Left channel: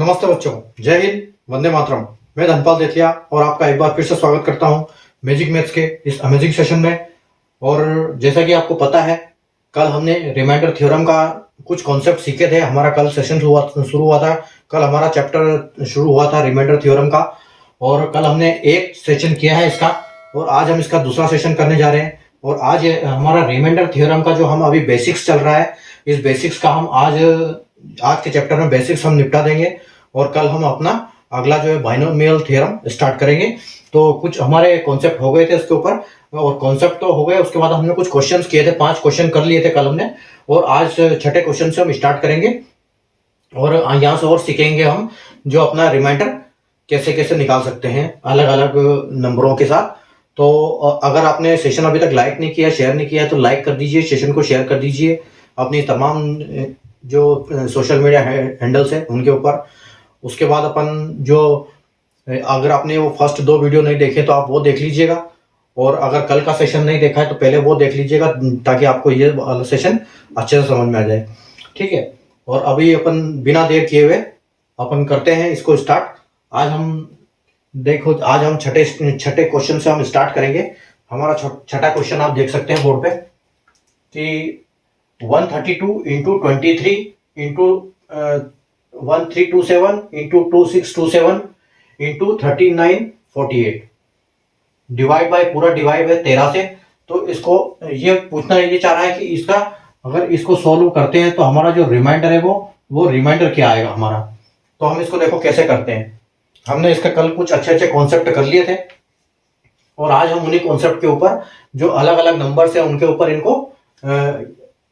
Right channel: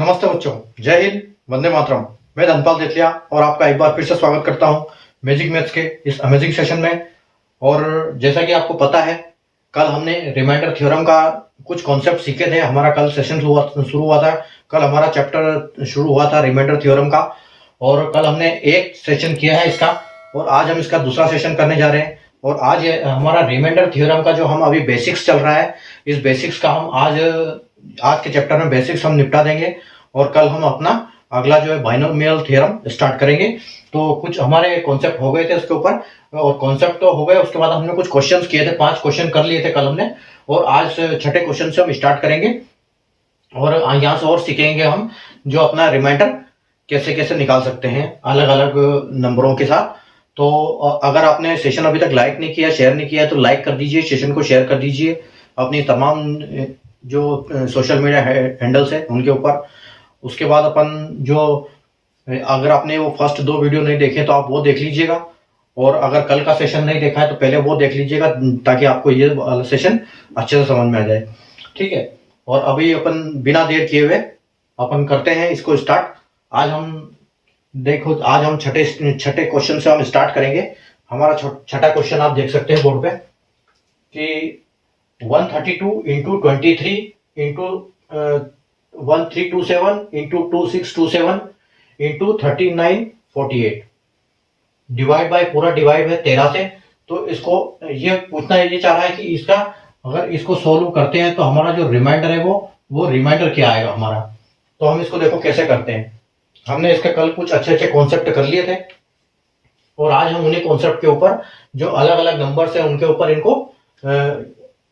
नमस्ते बच्चों, जय हिंद, वंदे मातरम। मैं धनपाल देथिया और आपका एक बार फिर से स्वागत करता हूं मैजिक मैथ्स के इस अमेजिंग सेशन में। और जैसा कि आपको पता है, कल हमने रिमाइंडर थ्योरम का कुछ कॉन्सेप्ट सीखे थे। हमारा कल सेशन शुरू हुआ था। कल हमारा चैप्टर शुरू हुआ था रिमाइंडर थ्योरम का, और कल हमने एक सेशन किया है इसका, और आज हम इसका दूसरा सेशन करने जा रहे हैं। और आज हमारा रिमाइंडर थ्योरम का जो हम अभी बेसिक्स चल रहा है, इस बेसिक्स का हम आज के चैप्टर में बेसिक्स हम निपटा देंगे, और कल हम अपना अगला जो है बाइनोमियल थ्योरम स्टार्ट करेंगे। तो कुछ हमारे कॉन्सेप्ट हो गए थे उसके ऊपर, और कॉन्सेप्ट तो हो गए, उसके बाद हमने कुछ क्वेश्चंस किए थे, 5 क्वेश्चन कर लिए थे कल हमने, और आज छठे क्वेश्चन से हम स्टार्ट करेंगे। और यहाँ से और सीखेंगे हम जो अपना रिमाइंडर कैसे कैसे निकाल सकते हैं अलग अलग नंबरों के साथ। तो अगर आपने सेशन अभी तक लाइक नहीं किया, शेयर नहीं किया, तो लाइक कर दीजिए, सेशन को शेयर कर दीजिए अपनी तमाम जो सोशल मीडिया हैंडल्स हैं उनके ऊपर। उसके बाद अपन जो, अगर आपने वो फर्स्ट 2 वीडियो नहीं देखे तो आप वो देख लीजिएगा, और अगर कल का सेशन नहीं देखा है तो पहले वो देख लीजिएगा, ताकि आपको ये सेशन अच्छे से समझ में आ जाए। ठीक है, और अभी अपन बिना देर किए हुए अपन करते हैं इसको स्टार्ट। आज हम छठे क्वेश्चन से हम स्टार्ट करेंगे। हमारा छठा क्वेश्चन आप देख सकते हैं बोर्ड पे कि 132 into 23 into 1327 into 2627 into 3948 divide by, पूरा डिवाइड है 13 से। तो इसको ये पूछना, ये चाह रहा है कि इसका अगर इसको सोल्व करते हैं तो हमारा जो रिमाइंडर है वो रिमाइंडर क्या आएगा हमारा। तो हम इसको देखो कैसे करते हैं। हमने इसके कल कुछ अच्छे अच्छे कॉन्सेप्ट कर लिए थे, और आज हम उन्हीं कॉन्सेप्ट के ऊपर जो अलग अलग नंबर्स है उनके ऊपर इनको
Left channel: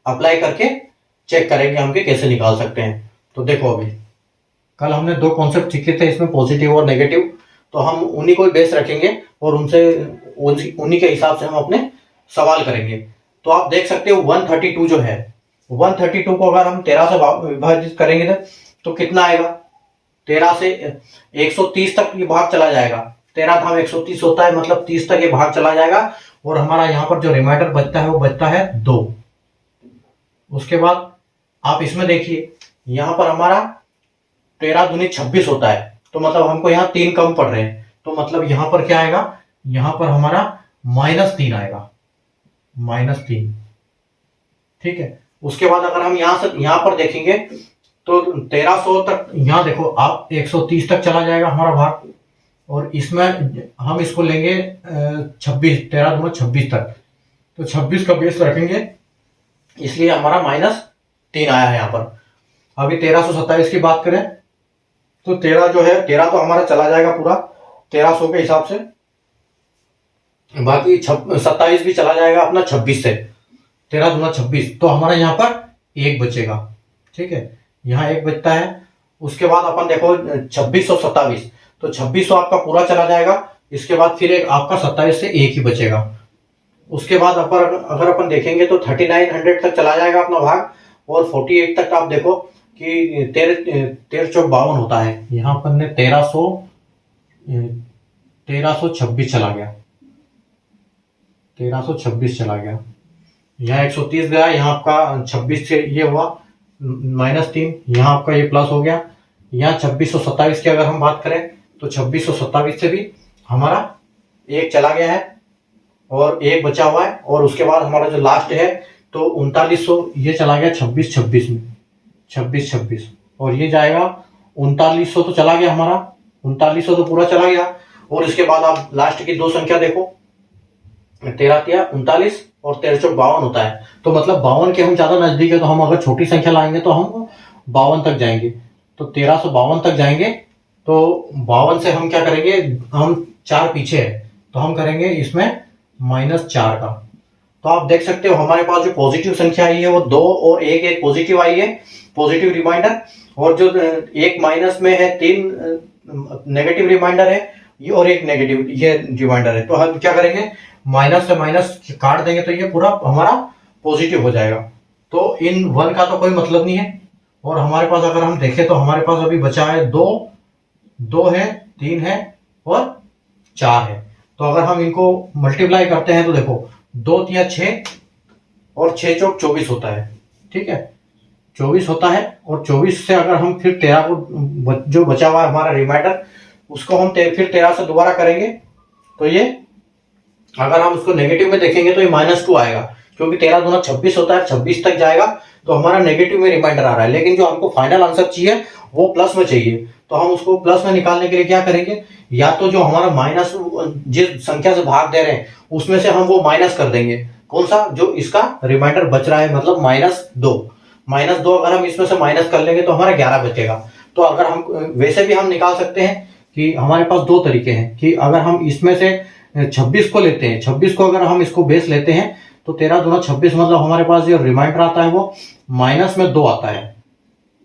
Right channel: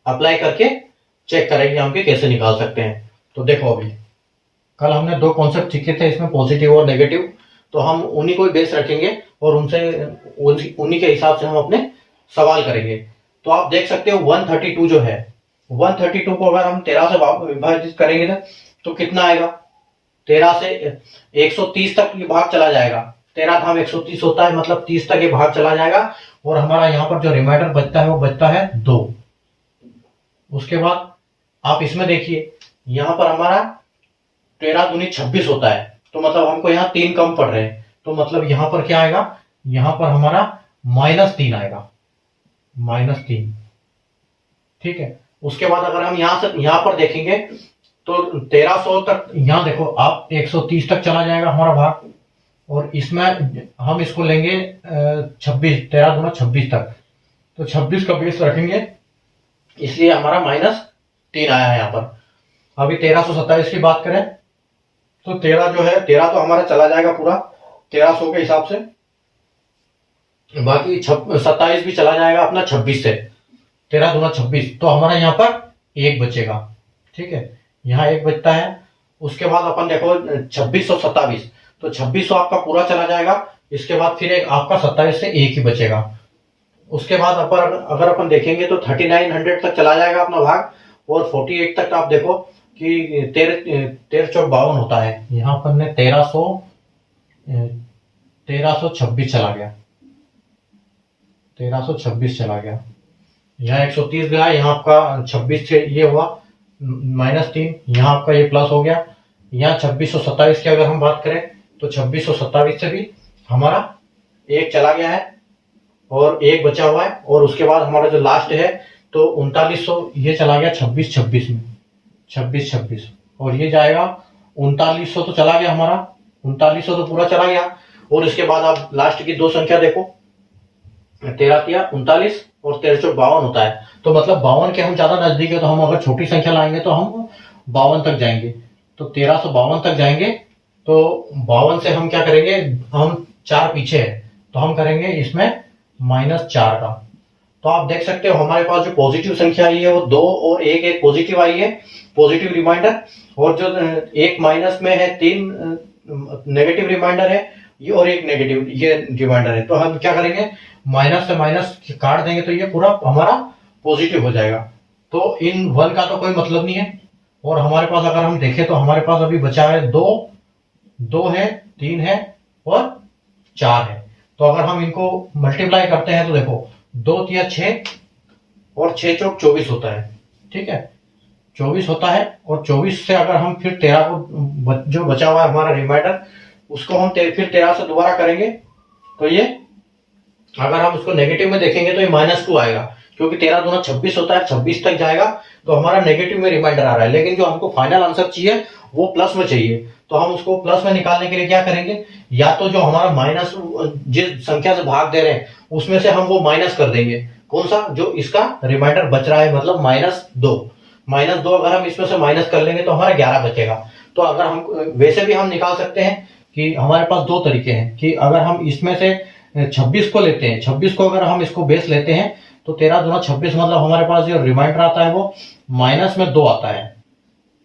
अप्लाई करके चेक करेंगे हम कि कैसे निकाल सकते हैं। तो देखो, अभी कल हमने 2 कॉन्सेप्ट सीखे थे इसमें, पॉजिटिव और नेगेटिव। तो हम उन्हीं को बेस रखेंगे और उन्हीं के हिसाब से हम अपने सवाल करेंगे। तो आप देख सकते हो 132 जो है, 132 को अगर हम 13 से विभाजित करेंगे तो कितना आएगा। 13 से 130 तक ये भाग चला जाएगा। 13 था 130 होता है, मतलब 30 तक ये भाग चला जाएगा, और हमारा यहाँ पर जो रिमाइंडर बचता है वो बचता है 2। उसके बाद आप इसमें देखिए, यहाँ पर हमारा 13 दूनी 26 होता है, तो मतलब हमको यहाँ 3 कम पड़ रहे हैं। तो मतलब यहाँ पर क्या आएगा, यहाँ पर हमारा -3 आएगा, -3। ठीक है, उसके बाद अगर हम यहाँ पर देखेंगे तो 1300 तक, यहाँ देखो आप 130 तक चला जाएगा हमारा भाग, और इसमें हम इसको लेंगे 26, 13 दूना 26 तक, तो 26 का बेस रखेंगे, इसलिए हमारा -3 आया है यहाँ पर। अभी 1327 की बात करें तो 13 जो है, 13 तो हमारा चला जाएगा पूरा 1300 के हिसाब से, बाकी 27 भी चला जाएगा अपना 26 से, 13 दूना 26, तो हमारा यहाँ पर 1 बचेगा। ठीक है, यहाँ 1 बचता है। उसके बाद अपन देखो 26 और 27, तो 2600 आपका पूरा चला जाएगा, इसके बाद फिर एक आपका 27 से 1 ही बचेगा। उसके बाद अगर अपन देखेंगे तो 3900 तक चला जाएगा अपना भाग, और 48 तक आप देखो कि 13 चौक 52 होता है। यहाँ पर ने 1326 चला गया, 1326 चला गया। यहाँ 130 गया, यहाँ आपका 26 से ये हुआ -3, यहाँ आपका ये प्लस हो गया। यहाँ 2627 की अगर हम बात करें तो 2627 से भी हमारा 1 चला गया है और 1 बचा हुआ है। और उसके बाद हमारा जो लास्ट है तो 3900, ये चला गया 26-26 में, 26-26, और ये जाएगा 3900, तो चला गया हमारा 3900, तो पूरा चला गया। और इसके बाद आप लास्ट की 2 संख्या देखो, 13 तिया 39 और 13 चौक 52 होता है, तो मतलब 52 के हम ज्यादा नजदीक है, तो हम अगर छोटी संख्या लाएंगे तो हम 52 तक जाएंगे, तो 1352 तक जाएंगे। तो 52 से हम क्या करेंगे, हम 4 पीछे है, तो हम करेंगे इसमें -4 का। तो आप देख सकते हो हमारे पास जो पॉजिटिव संख्या आई है वो 2 और 1 पॉजिटिव आई है, पॉजिटिव रिमाइंडर, और जो 1 माइनस में है 3 नेगेटिव रिमाइंडर है, ये और 1 नेगेटिव ये रिमाइंडर है। तो हम क्या करेंगे, माइनस से माइनस काट देंगे तो ये पूरा हमारा पॉजिटिव हो जाएगा। तो इन 1 का तो कोई मतलब नहीं है। और हमारे पास अगर हम देखें तो हमारे पास अभी बचा है 2 है, 3 है और 4 है। तो अगर हम इनको मल्टीप्लाई करते हैं तो देखो 2 तिया 6 और 6 चौक 24 होता है। ठीक है, 24 होता है, और 24 से अगर हम फिर 13 को जो बचा हुआ है हमारा रिमाइंडर, उसको हम फिर 13 से दोबारा करेंगे, तो ये अगर हम उसको नेगेटिव में देखेंगे तो ये -2 आएगा, क्योंकि 13 दूना 26 होता है, 26 तक जाएगा तो हमारा नेगेटिव में रिमाइंडर आ रहा है। लेकिन जो हमको फाइनल आंसर चाहिए वो प्लस में चाहिए, तो हम उसको प्लस में निकालने के लिए क्या करेंगे, या तो जो हमारा माइनस जिस संख्या से भाग दे रहे हैं उसमें से हम वो माइनस कर देंगे, कौन सा, जो इसका रिमाइंडर बच रहा है, मतलब -2 अगर हम इसमें से माइनस कर लेंगे तो हमारा 11 बचेगा। तो अगर हम वैसे भी हम निकाल सकते हैं कि हमारे पास दो तरीके हैं, कि अगर हम इसमें से 26 को लेते हैं, 26 को अगर हम इसको बेस लेते हैं तो 13 दूना 26, मतलब हमारे पास जो रिमाइंडर आता है वो -2 आता है।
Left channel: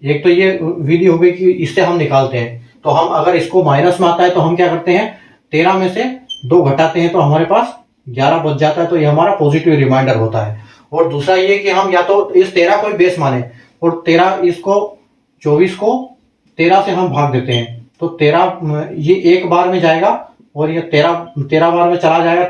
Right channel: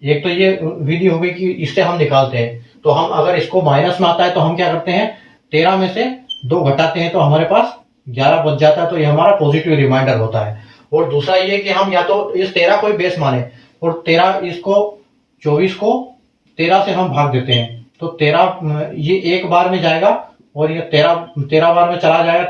एक तो ये विधि हो गई कि इससे हम निकालते हैं, तो हम अगर इसको माइनस में आता है तो हम क्या करते हैं, 13 में से 2 घटाते हैं तो हमारे पास 11 बच जाता है, तो ये हमारा पॉजिटिव रिमाइंडर होता है। और दूसरा ये कि हम या तो इस 13 को बेस माने, और 24 को 13 से हम भाग देते हैं, तो 13 ये एक बार में जाएगा, और ये 13 बार में चला जाएगा,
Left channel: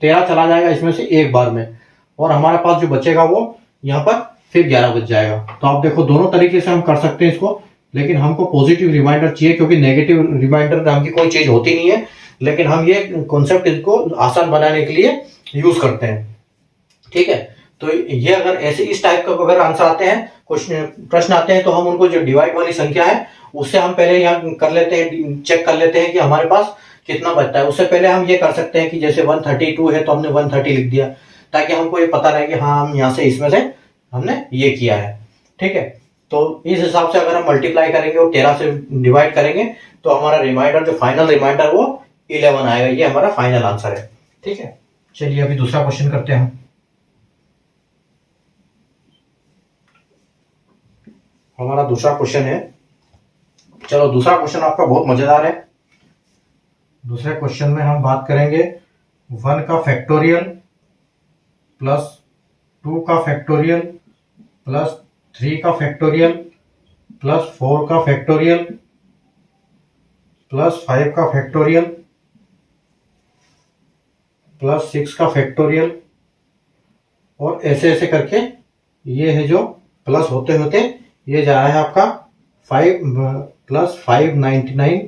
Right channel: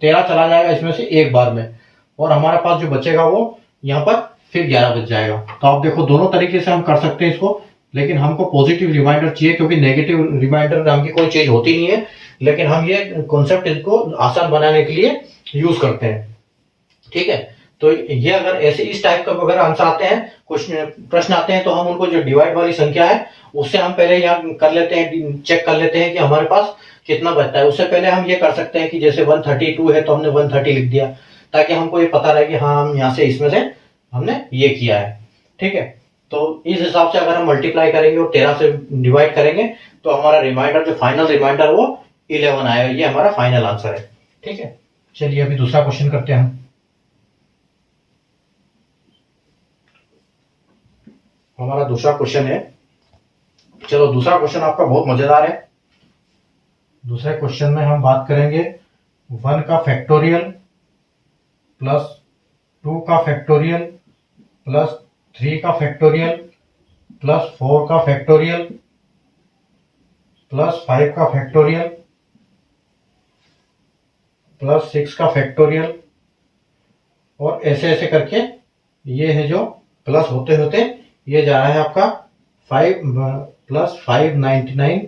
13 चला जाएगा इसमें से एक बार में, और हमारे पास जो बचेगा वो यहाँ पर फिर 11 बच जाएगा। तो आप देखो दोनों तरीके से हम कर सकते हैं इसको, लेकिन हमको पॉजिटिव रिमाइंडर चाहिए, क्योंकि नेगेटिव रिमाइंडर हमकी कोई चीज होती नहीं है, लेकिन हम ये कॉन्सेप्ट इसको आसान बनाने के लिए यूज करते हैं। ठीक है, तो ये अगर ऐसे इस टाइप का अगर आंसर आते हैं, क्वेश्चन प्रश्न आते हैं, तो हम उनको जो डिवाइड वाली संख्या है उससे हम पहले यहाँ कर लेते हैं, चेक कर लेते हैं कि हमारे पास कितना बचता है। उससे पहले हम ये कर सकते हैं कि जैसे 132 है तो हमने 130 लिख दिया, ताकि हमको ये पता रहे कि हाँ हम यहाँ से इसमें से हमने ये किया है। ठीक है, तो इस हिसाब से अगर हम मल्टीप्लाई करेंगे और 13 से डिवाइड करेंगे तो हमारा रिमाइंडर, जो फाइनल रिमाइंडर, वो 11 आएगा। ये हमारा फाइनल आंसर है। ठीक है, चलिए अभी दूसरा क्वेश्चन करते हैं। हमारा दूसरा क्वेश्चन है, चलो दूसरा क्वेश्चन आपका बहुत मजेदार है। दूसरे क्वेश्चन में हम बात करेंगे 1 का फैक्टोरियल प्लस 2 का फैक्टोरियल प्लस 3 का फैक्टोरियल प्लस 4 का फैक्टोरियल प्लस 5 का फैक्टोरियल प्लस 6 का फैक्टोरियल, और ऐसे ऐसे करके ये है जो प्लस होते होते ये जा रहा है आपका 5 प्लस 599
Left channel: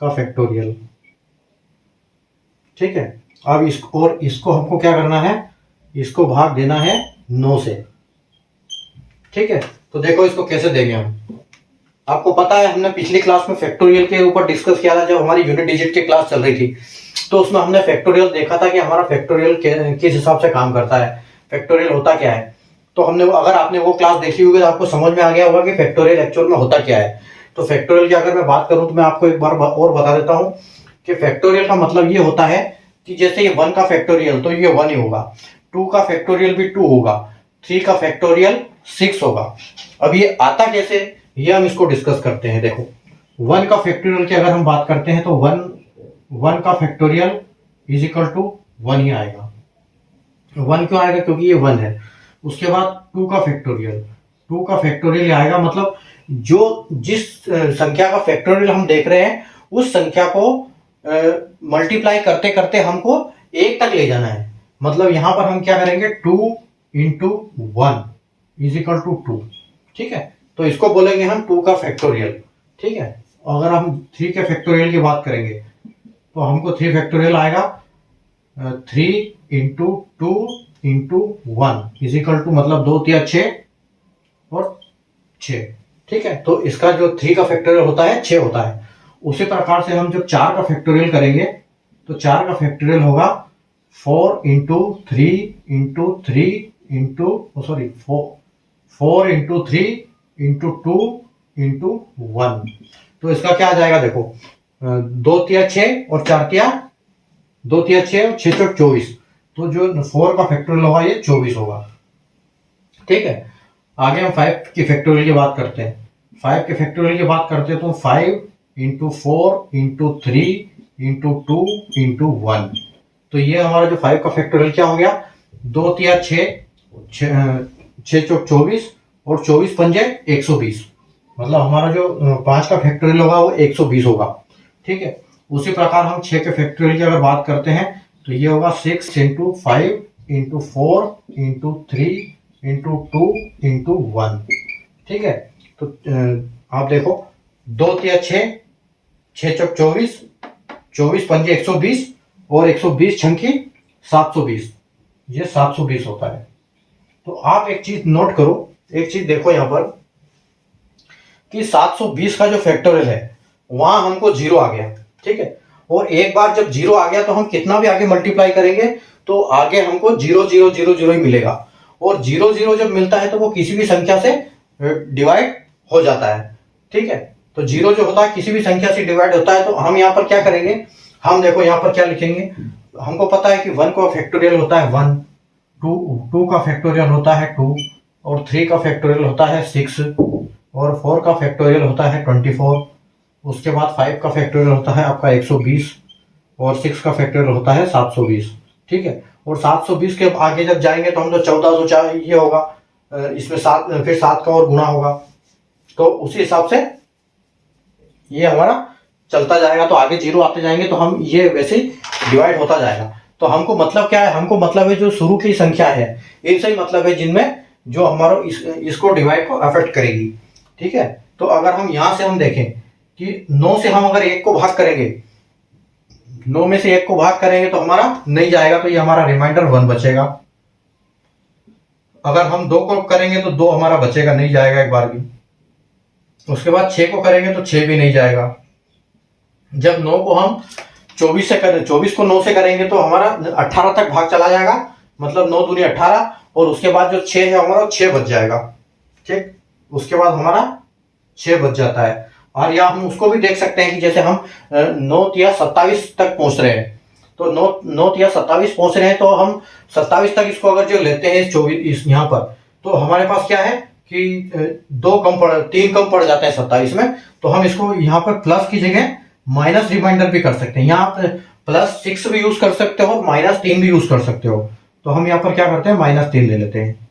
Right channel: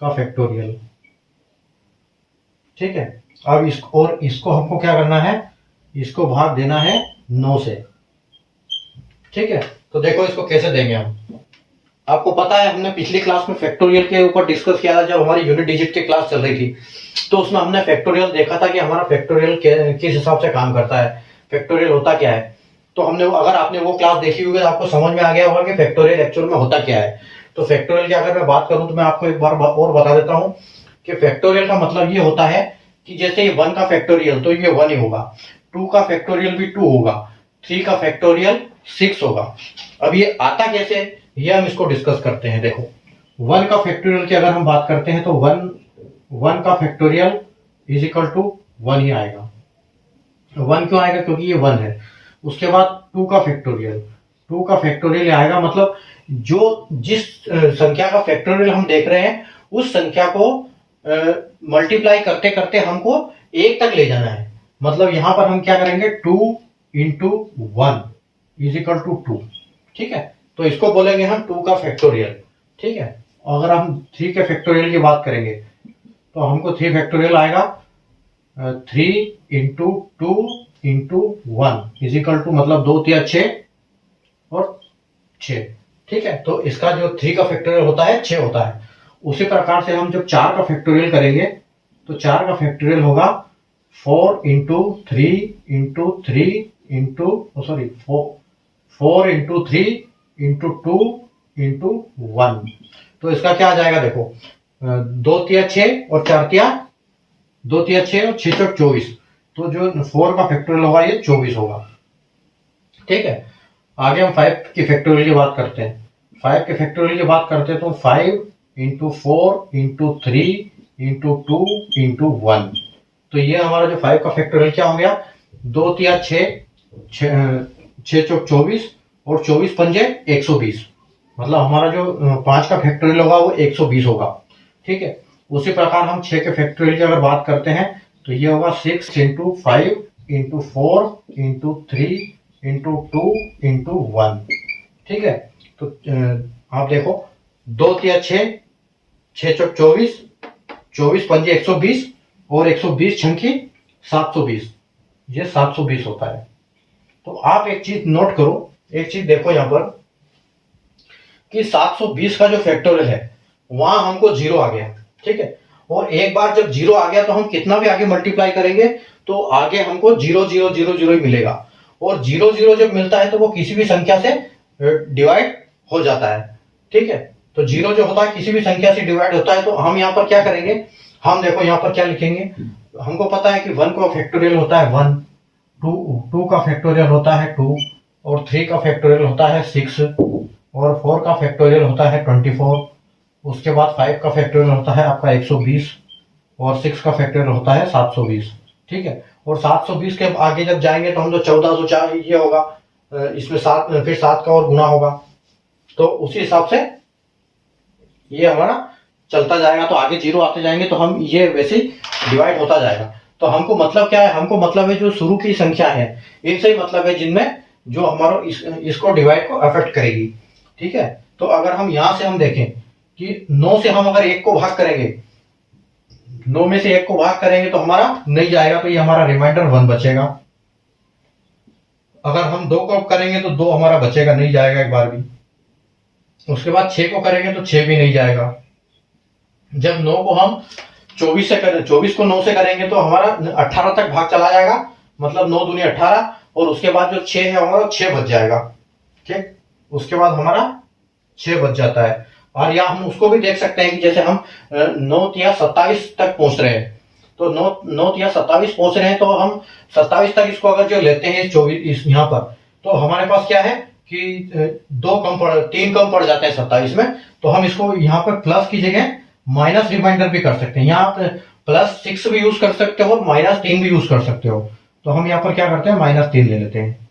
का फैक्टोरियल। ठीक है, अब इसको हमको क्या करना है, इसको भाग देना है 9 से। ठीक है, तो देखो इसको कैसे देंगे हम। आपको पता है हमने पिछली क्लास में फैक्टोरियल के ऊपर डिस्कस किया था, जब हमारी यूनिट डिजिट की क्लास चल रही थी, तो उसमें हमने फैक्टोरियल देखा था कि हमारा फैक्टोरियल किस हिसाब से काम करता है, फैक्टोरियल होता क्या है। तो हमने अगर आपने वो क्लास देखी होगी तो आपको समझ में आ गया होगा कि फैक्टोरियल एक्चुअल में होता क्या है। तो फैक्टोरियल की अगर मैं बात करूं तो मैं आपको एक बार और बता देता हूं कि फैक्टोरियल का मतलब ये होता है कि जैसे ये 1 का फैक्टोरियल तो ये 1 ही होगा, 2 का फैक्टोरियल भी 2 होगा, 3 का फैक्टोरियल 6 होगा। अब ये आता कैसे, ये हम इसको डिस्कस करते हैं। देखो 1 का फैक्टोरियल की अगर हम बात करते हैं तो 1 का फैक्टोरियल इज इक्वल टू 1 ही आएगा। 1 क्यों आएगा, क्योंकि ये 1 है। उसके बाद 2 का फैक्टोरियल आएगा, मतलब जो जिस संख्या का फैक्टोरियल हम देख रहे हैं उस संख्या को मल्टीप्लाई करते करते हमको 1 तक ले जाना है। मतलब यहां पर हम क्या करेंगे, 2 इंटू 1 इज इक्वल टू 2। ठीक है, तो इसको बोलेंगे हम 2 का फैक्टोरियल। ठीक है, अगर हम 3 के फैक्टोरियल की बात करेंगे तो हमको 3 फैक्टोरियल आएगा 3 into 2 into 1 is equal to, मतलब 2 3 6 और 6। ठीक है, तो इसका जो 3 का फैक्टोरियल होता है 6 होता है। उसी प्रकार से हम जब 4 का फैक्टोरियल करेंगे तो 4 का फैक्टोरियल होगा 4 into 3 into 3 into 4 into 3 into 2 into 1। तो इसका क्या आ जाएगा, देखो 2 3 6 और 4 3 2 3 6 और 6 24। तो जो 4 का फैक्टोरियल होगा ये 24 होगा। ठीक है, आगे हम 5 की फैक्टोरियल की बात करते हैं। 5 के फैक्टोरियल की बात करते हैं तो 5 इंटू 4 इंटू 3 इंटू 2 इंटू 1। तो ये हमारा जो 5 का फैक्टोरियल क्या हो गया, 2 3 6 24 और 24 पंजे 120। मतलब हमारा जो 5 का फैक्टोरियल होगा वो 120 होगा। ठीक है, उसी प्रकार हम 6 के फैक्टोरियल की अगर बात करते हैं तो ये होगा 6 into 5 into 4 into 3 into 2 into 1। ठीक है। तो आप देखो 2 तिया 6, 6 चौक 24, 24 पंजे 120 और 120 छंकी 720, ये 720 होता है। तो आप एक चीज नोट करो, एक चीज देखो यहाँ पर कि 720 का जो फैक्टोरियल है वहां हमको जीरो आ गया, ठीक है। और एक बार जब जीरो आ गया तो हम कितना भी आगे मल्टीप्लाई करेंगे तो आगे हमको 0 0 0 0 ही मिलेगा। और 0 0 जब मिलता है तो वो किसी भी संख्या से डिवाइड हो जाता है, ठीक है। तो जीरो जो होता है किसी भी संख्या से डिवाइड होता है। तो हम यहाँ पर क्या करेंगे, हम देखो यहाँ पर क्या लिखेंगे, हमको पता है कि 1 का फैक्टोरियल होता है 1, 2 का फैक्टोरियल होता है 2, और 3 का फैक्टोरियल होता है 6, और 4 का फैक्टोरियल होता है 24, उसके बाद 5 का फैक्टोरियल होता है आपका 120, और 6 का फैक्टोरियल होता है 720, ठीक है। और 720 के आगे जब जाएंगे तो हम तो 1404 ये होगा, इसमें 7 फिर 7 का और गुना होगा, तो उसी हिसाब से ये हमारा चलता जाएगा। तो आगे जीरो आते जाएंगे तो हम ये वैसे ही डिवाइड होता जाएगा। तो हमको मतलब क्या है, हमको मतलब है जो शुरू की संख्या है इनसे ही मतलब है जिनमें जो हमारा इसको डिवाइड को अफेक्ट करेगी, ठीक है। तो अगर हम यहां से हम देखें कि 9 से हम अगर 1 को भाग करेंगे, 9 में से 1 को भाग करेंगे तो हमारा नहीं जाएगा, तो ये हमारा रिमाइंडर 1 बचेगा। अगर हम 2 को करेंगे तो 2 हमारा बचेगा, नहीं जाएगा एक बार भी। उसके बाद 6 को करेंगे तो 6 भी नहीं जाएगा। जब 9 को हम 24 से करें, 24 को 9 से करेंगे तो हमारा 18 तक भाग चला जाएगा, मतलब 9 दूनी 18, और उसके बाद जो 6 है हमारा 6 बच जाएगा, ठीक। उसके बाद हमारा 6 बच जाता है। और या हम उसको भी देख सकते हैं कि जैसे हम 9 या 27 तक पहुंच रहे हैं, तो 9 या 27 पहुंच रहे हैं, तो हम 27 तक इसको अगर जो लेते हैं 24 यहाँ पर, तो हमारे पास क्या है कि 3 कम पड़ जाते हैं 27 में। तो हम इसको यहाँ पर प्लस की जगह माइनस रिमाइंडर भी कर सकते हैं, यहाँ पर +6 भी यूज कर सकते हो और -3 भी यूज कर सकते हो। तो हम यहाँ पर क्या करते हैं, -3 ले लेते हैं,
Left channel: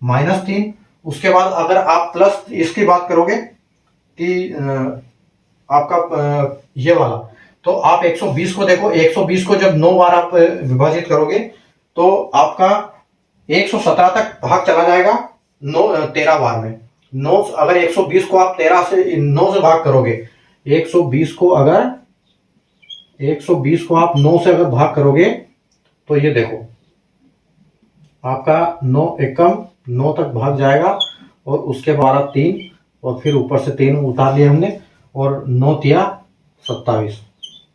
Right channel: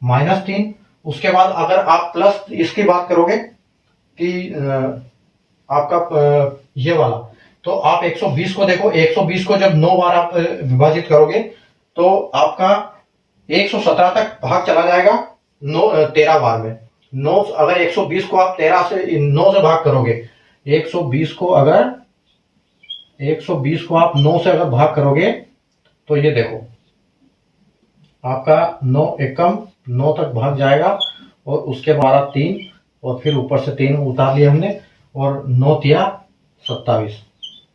-3। उसके बाद अगर आप प्लस इसकी बात करोगे कि आपका ये वाला, तो आप 120 को देखो, 120 को जब 9 बार आप विभाजित करोगे तो आपका 117 तक भाग चला जाएगा 13 बार में। 9 अगर 120 को आप 13 से 9 से भाग करोगे, 120 को आप 9 से अगर भाग करोगे तो ये देखो आपका 9 एकम 9 तक भाग जाएगा, और उसके बाद 3, और फिर ऊपर से 3 उतार लिया हमने, और 9 तिया 27।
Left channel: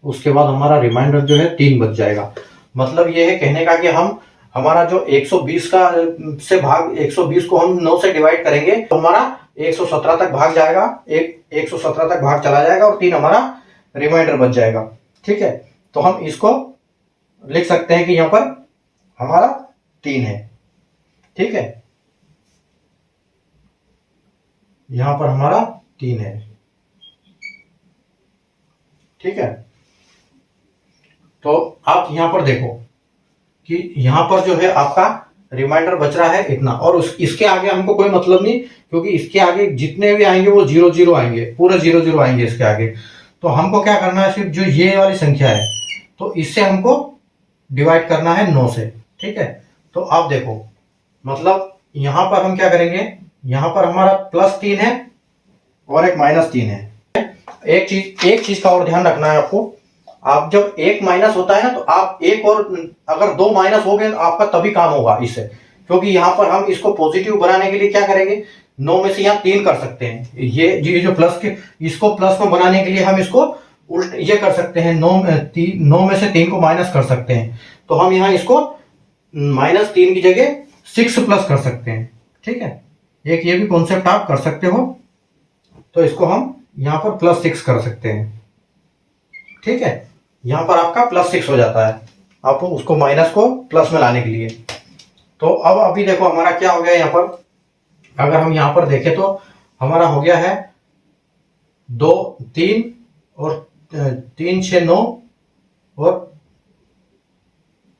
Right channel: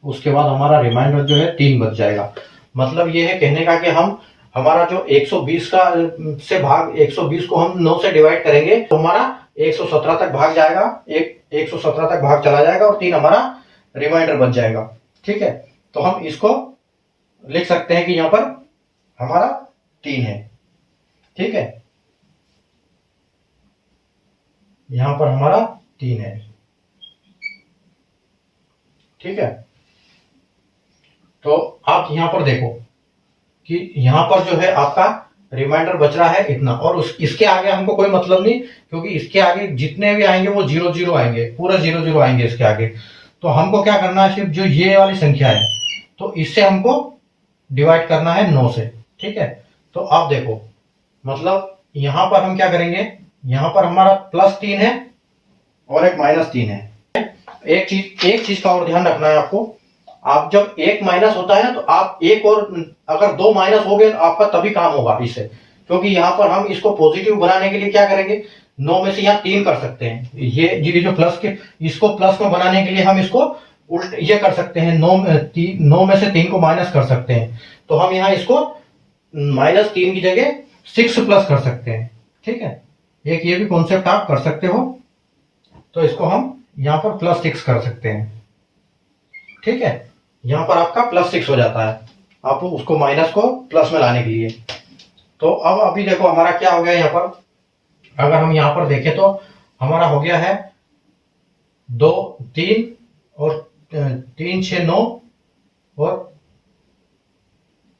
उसके बाद हमारा रिमाइंडर जो है 3 बच जाएगा। मतलब ये है कहने का कि हम हमारा जो 120 का से भाग 120 को हम 9 से डिवाइड करेंगे तो हमारा 117 तक भाग जाएगा, 117 तक भाग चला जाएगा, और 3 हमारा रिमाइंडर बच जाएगा, ठीक है। तो हम इसको लिख सकते हैं कि यहाँ पर हमारा 3 है, ठीक है। यहां पर हमारा 3 है, ठीक है। तो आप यहां पर देखो कि यहां पर जो है आपका रिमाइंडर बच रहा है इतना, और इसके आगे हमको कोई मतलब नहीं, क्योंकि इसके आगे जितने भी आएंगे वो 0 0 आएंगे, पूरे 0 0 आएंगे इसके आगे। तो हमको क्या करना है, सिर्फ जो ये वाली संख्या है तो इससे हमको डिवाइड करना है 9 से, ठीक है। तो आप देखो मतलब यहां पर हम क्या करेंगे, यहां पर हमारा +3 है और एक -3 है। एक चीज का और ध्यान रखना है आपको, आप जब एक माइनस होता है ना तो आप एक और अगर 2 माइनस हो गए तो आपका तभी काम होगा इससे, क्योंकि यहाँ पर हम इसको पॉजिटिव बनाने के लिए क्या करेंगे, 9 में से यहाँ 3 कर सकते हैं, ये जो प्लस के इसको प्लस में बनाने के लिए हम इसको उल्ट ये कर सकते हैं, 9 में से 3 को माइनस कर सकते हैं। तो हम यहाँ इसको -3 की जगह 6 प्लस कर सकते हैं, ठीक है। एक ये भी कॉन्सेप्ट आप कर सकते हो। तो इसको हम यहाँ पर +6 कर सकते हैं, ठीक है। यहाँ पर आपका +6 हो जाता है, आप उसको माइनस को प्लस में लाने के लिए। तो अब अभी देखो हमारा क्या हो गया, यहाँ पर अगर हम यहाँ पर देखें तो हमारा हो गया है 2 3 और 3 6 9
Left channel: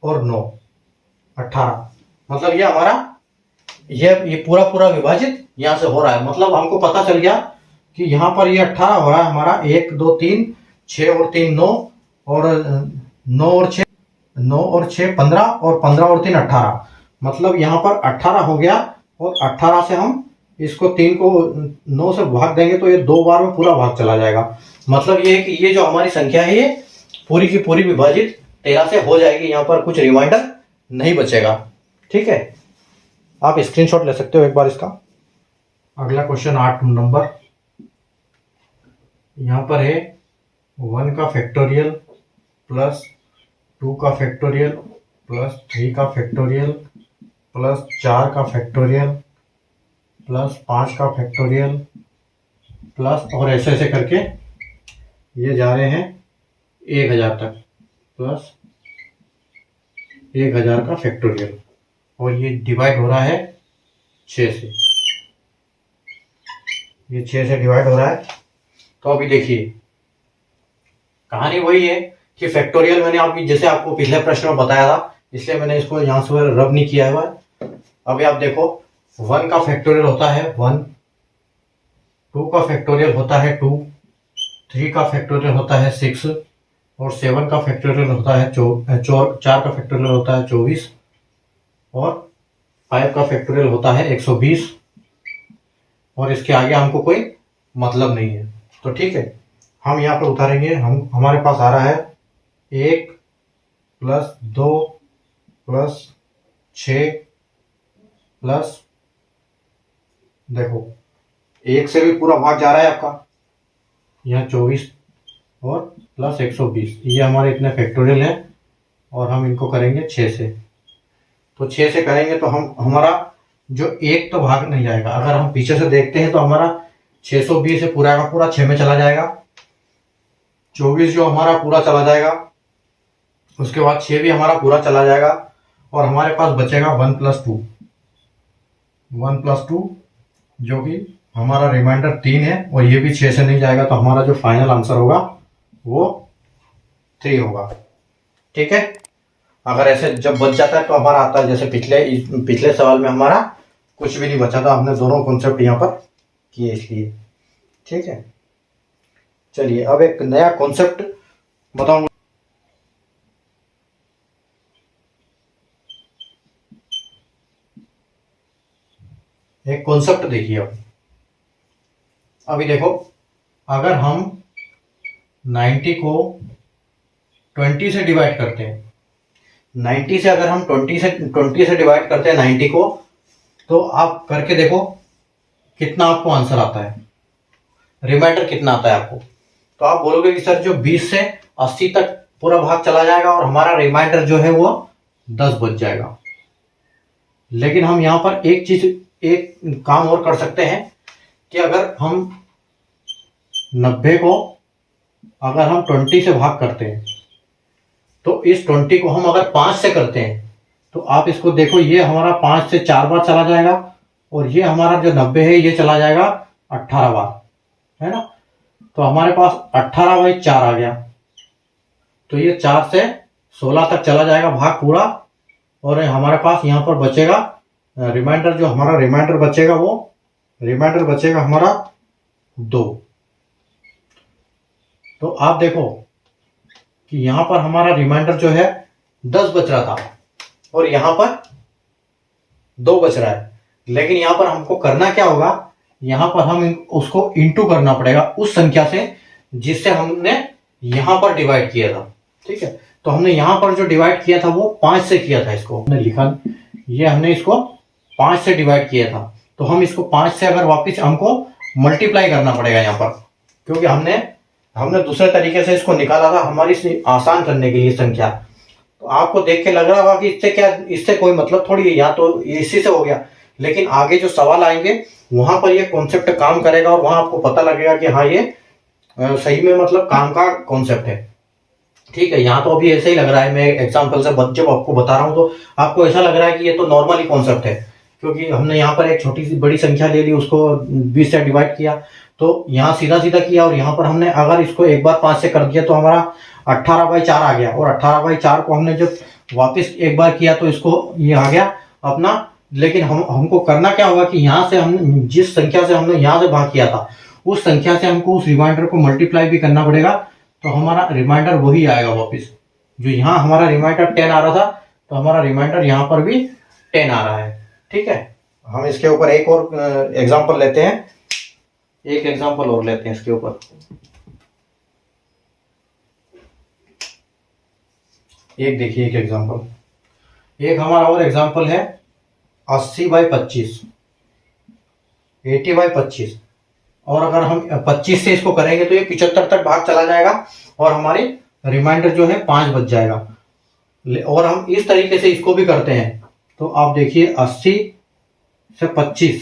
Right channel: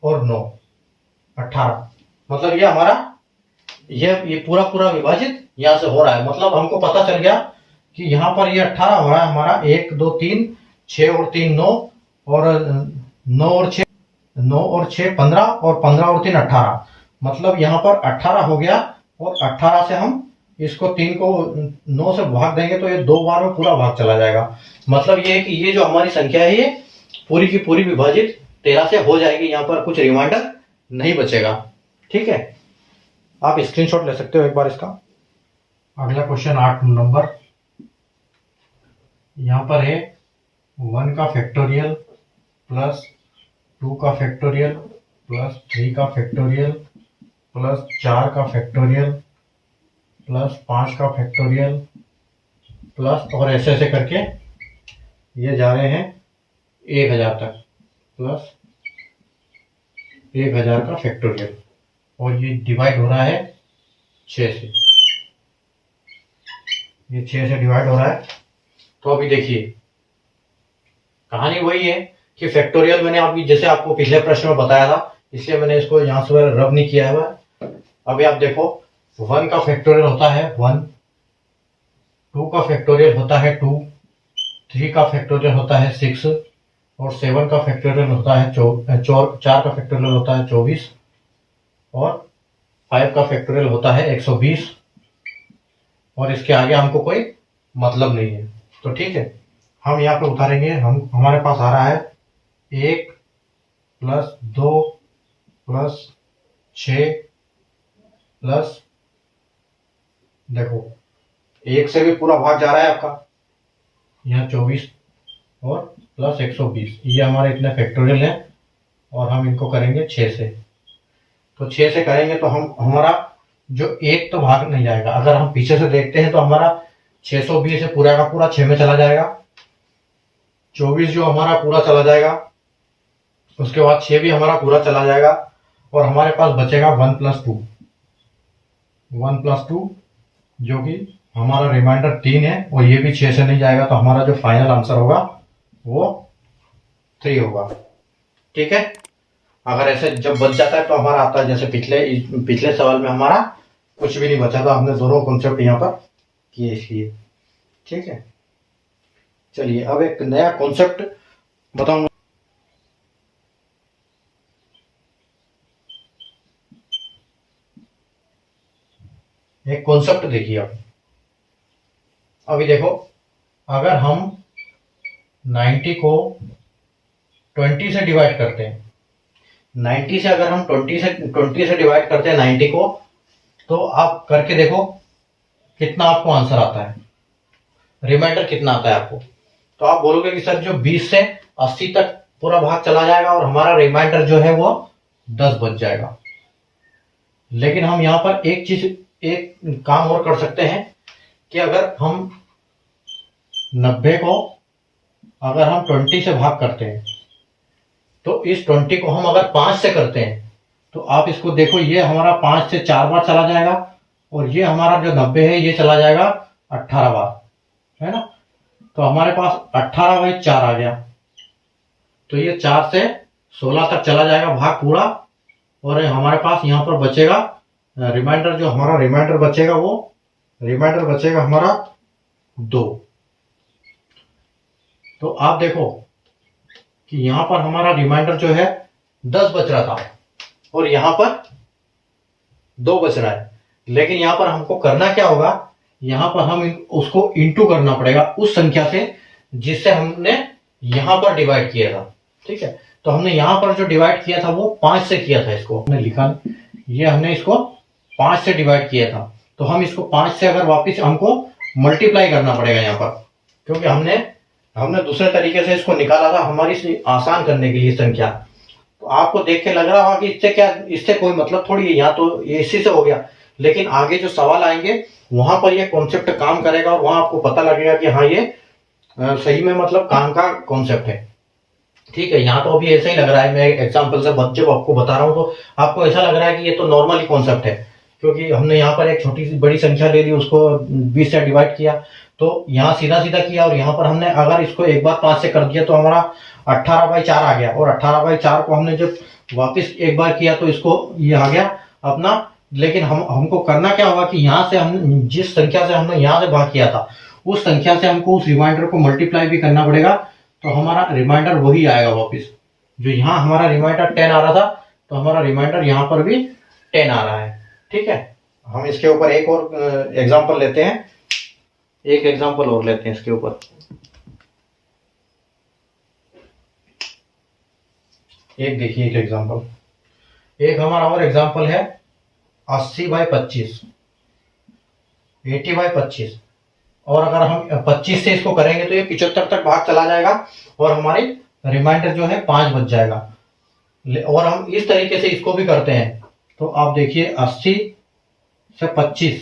और 9 18। मतलब ये हमारा ये पूरा विभाजित यहाँ से हो रहा है। मतलब हमको पता चल गया कि यहाँ पर ये 18 हो रहा है हमारा, 1 2 3 6 और 3 9, और 9 और 6 15, और 15 और 3 18। मतलब यहाँ पर 18 हो गया, और 18 से हम इसको 3 को 9 से भाग देंगे तो ये 2 बार में पूरा भाग चला जाएगा। मतलब ये है कि ये जो हमारी संख्या है ये पूरी की पूरी विभाजित 13 से हो जाएगी, यहाँ पर कुछ रिमाइंडर नहीं बचेगा। ठीक है, आप स्क्रीनशॉट ले सकते हो एक बार इसका। अगला क्वेश्चन 8 नंबर, यहाँ पर है 1 का फैक्टोरियल प्लस 2 का फैक्टोरियल प्लस 3 का फैक्टोरियल प्लस 4 का फैक्टोरियल प्लस 5 का फैक्टोरियल प्लस, और ऐसे ऐसे करके ये जा रहे हैं 1000 तक, प्लस 1000 का फैक्टोरियल, और ये डिवाइड हो रहा है 6 से, ये 6 से डिवाइड हो रहा है। तो अभी देखिए कहानी वही है कि फैक्टोरियल मैंने अभी जैसे आपको पिछले प्रश्न में बताया था, इसलिए मैंने इसको यहाँ से रब नहीं किया हुआ है। अभी आप देखो 1 का फैक्टोरियल होता है 1, 2 का फैक्टोरियल होता है 2, 3 का फैक्टोरियल होता है 6, और 7 का फैक्टोरियल होता है 4 का फैक्टोरियल होता है 24, और 5 का फैक्टोरियल होता है 120, और इसके आगे हमको कोई मतलब नहीं है। तो ठीक है, हम यहाँ पे उतारेंगे, हमारे पास आ रहा है 1 प्लस 2 प्लस 6 प्लस, देखो 1 से भी पूरा भाग जा रहा है आपका, यहाँ 24 और प्लस 120, ये हमारे इतने फैक्टोरियल हैं, और हम इनको करेंगे 6 से। तो 6 से करेंगे तो हमारा जो 1 तो भाग नहीं जाएगा। अगर हम पीछे से देखते हैं तो हमारा 620 है पूरा का पूरा 6 में चला जाएगा, 24 जो हमारा पूरा चला जाएगा, उसके बाद 6 भी हमारा पूरा चला जाएगा, और हमारे पास बचेगा 1 प्लस 2, 1 प्लस 2 जो कि हमारा रिमाइंडर 3 है, और ये भी 6 से नहीं जाएगा, तो हमारा जो फाइनल आंसर होगा वो 3 होगा। ठीक है, अगर ऐसे जब बच जाता है तो हमारा आता है, जैसे पिछले सवाल में हमारा कुछ भी नहीं बचा था, हमने दोनों कॉन्सेप्ट यहाँ पर किए इसलिए। ठीक है, चलिए अब एक नया कॉन्सेप्ट बताऊंगा। एक कॉन्सेप्ट देखिए अब, अभी देखो अगर हम 90 को 20 से डिवाइड करते हैं, 90 से अगर हम 20 से डिवाइड करते हैं 90 को, तो आप करके देखो कितना आपको आंसर आता है, रिमाइंडर कितना आता है आपको। तो आप बोलोगे कि सर जो 20 से 80 तक पूरा भाग चला जाएगा और हमारा रिमाइंडर जो है वो 10 बच जाएगा। लेकिन हम यहाँ पर एक काम और कर सकते हैं कि अगर हम 90 को अगर हम 20 से भाग करते हैं, तो इस 20 को हम अगर 5 से करते हैं, तो आप इसको देखो, ये हमारा 5 से 4 बार चला जाएगा, और ये हमारा जो 90 है ये चला जाएगा 18 बार, है ना। तो हमारे पास 18/4 आ गया, तो ये 4 से 16 तक चला जाएगा भाग पूरा, और हमारे पास यहाँ पर बचेगा रिमाइंडर, जो हमारा रिमाइंडर बचेगा वो रिमाइंडर बचेगा हमारा 2। तो आप देखो कि यहाँ पर हमारा रिमाइंडर जो है 10 बच रहा था, और यहाँ पर 2 बच रहा है। लेकिन यहाँ पर हमको करना क्या होगा, यहाँ पर हम उसको इंटू करना पड़ेगा उस संख्या से जिससे हमने यहाँ पर डिवाइड किया था। ठीक है, तो हमने यहाँ पर जो डिवाइड किया था वो 5 से किया था, इसको हमने लिखा, ये हमने इसको 5 से डिवाइड किया था, तो हम इसको 5 से अगर वापस हमको मल्टीप्लाई करना पड़ेगा यहाँ पर, क्योंकि हमने दूसरे तरीके से इसको निकाला था हमारी आसान करने के लिए संख्या। तो आपको देख के लग रहा होगा कि इससे कोई मतलब थोड़ी है, यहाँ तो ये इसी से हो गया, लेकिन आगे जो सवाल आएंगे वहां पर ये कॉन्सेप्ट काम करेगा, और वहां आपको पता लगेगा कि हाँ ये सही में मतलब काम का कॉन्सेप्ट है। ठीक है, यहाँ तो अभी ऐसा ही लग रहा है, मैं एग्जाम्पल से जब आपको बता रहा हूँ तो आपको ऐसा लग रहा है कि ये तो नॉर्मली कॉन्सेप्ट है, क्योंकि हमने यहाँ पर एक छोटी सी बड़ी संख्या ले ली, उसको 20 से डिवाइड किया, तो यहाँ सीधा सीधा किया, और यहाँ पर हमने अगर इसको एक बार 5 से कर दिया तो हमारा 18/4 आ गया, और 18/4 को हमने जब वापस एक बार किया तो इसको ये आ गया अपना। लेकिन हमको करना क्या होगा कि यहाँ से हम जिस संख्या से हमने यहाँ से भाग किया था उस संख्या से हमको उस रिमाइंडर को मल्टीप्लाई भी करना पड़ेगा, तो हमारा रिमाइंडर वही आएगा वापस। जो यहाँ हमारा रिमाइंडर 10 आ रहा था, तो हमारा रिमाइंडर यहाँ पर भी 10 आ रहा है। ठीक है, हम इसके ऊपर एक और एग्जांपल लेते हैं, एक एग्जांपल और लेते हैं इसके ऊपर। एक देखिए एक एग्जांपल, एक हमारा और एग्जांपल है 80/25, 80/25। और अगर हम 25 से इसको करेंगे तो ये 75 तक भाग चला जाएगा और हमारी रिमाइंडर जो है 5 बच जाएगा। और हम इस तरीके से इसको भी करते हैं। तो आप देखिए 80 से 25,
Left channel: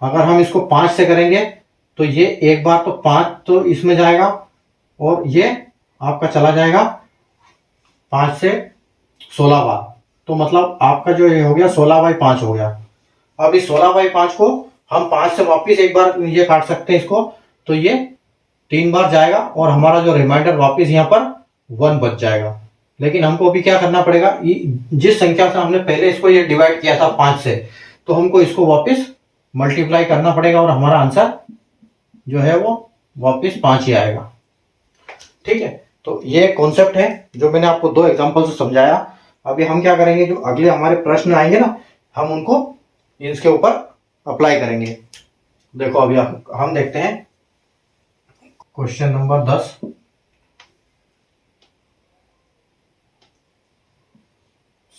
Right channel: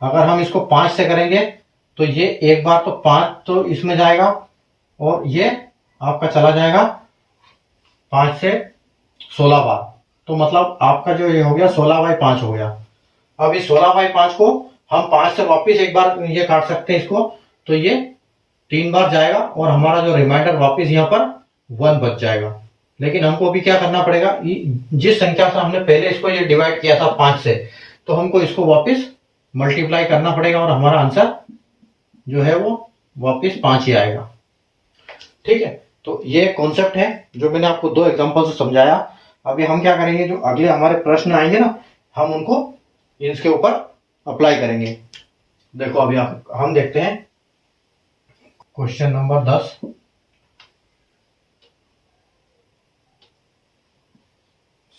अगर हम इसको 5 से करेंगे तो ये एक बार तो 5 तो इसमें जाएगा और ये आपका चला जाएगा 5 से 16 बार। तो मतलब आपका जो ये हो गया 16/5 हो गया। अब इस 16/5 को हम 5 से वापिस एक बार ये काट सकते हैं इसको, तो ये 3 बार जाएगा और हमारा जो रिमाइंडर वापिस यहाँ पर 1 बच जाएगा। लेकिन हमको अभी क्या करना पड़ेगा, जिस संख्या से हमने पहले इसको ये डिवाइड किया था 5 से, तो हमको इसको वापिस मल्टीप्लाई करना पड़ेगा और हमारा आंसर जो है वो वापिस 5 ही आएगा। ठीक है, तो ये कॉन्सेप्ट है जो मैंने आपको 2 एग्जांपल से समझाया। अभी हम क्या करेंगे, जो अगले हमारे प्रश्न आएंगे ना, हम उनको इसके ऊपर अप्लाई करेंगे। देखो अभी हम देखते हैं question number 10।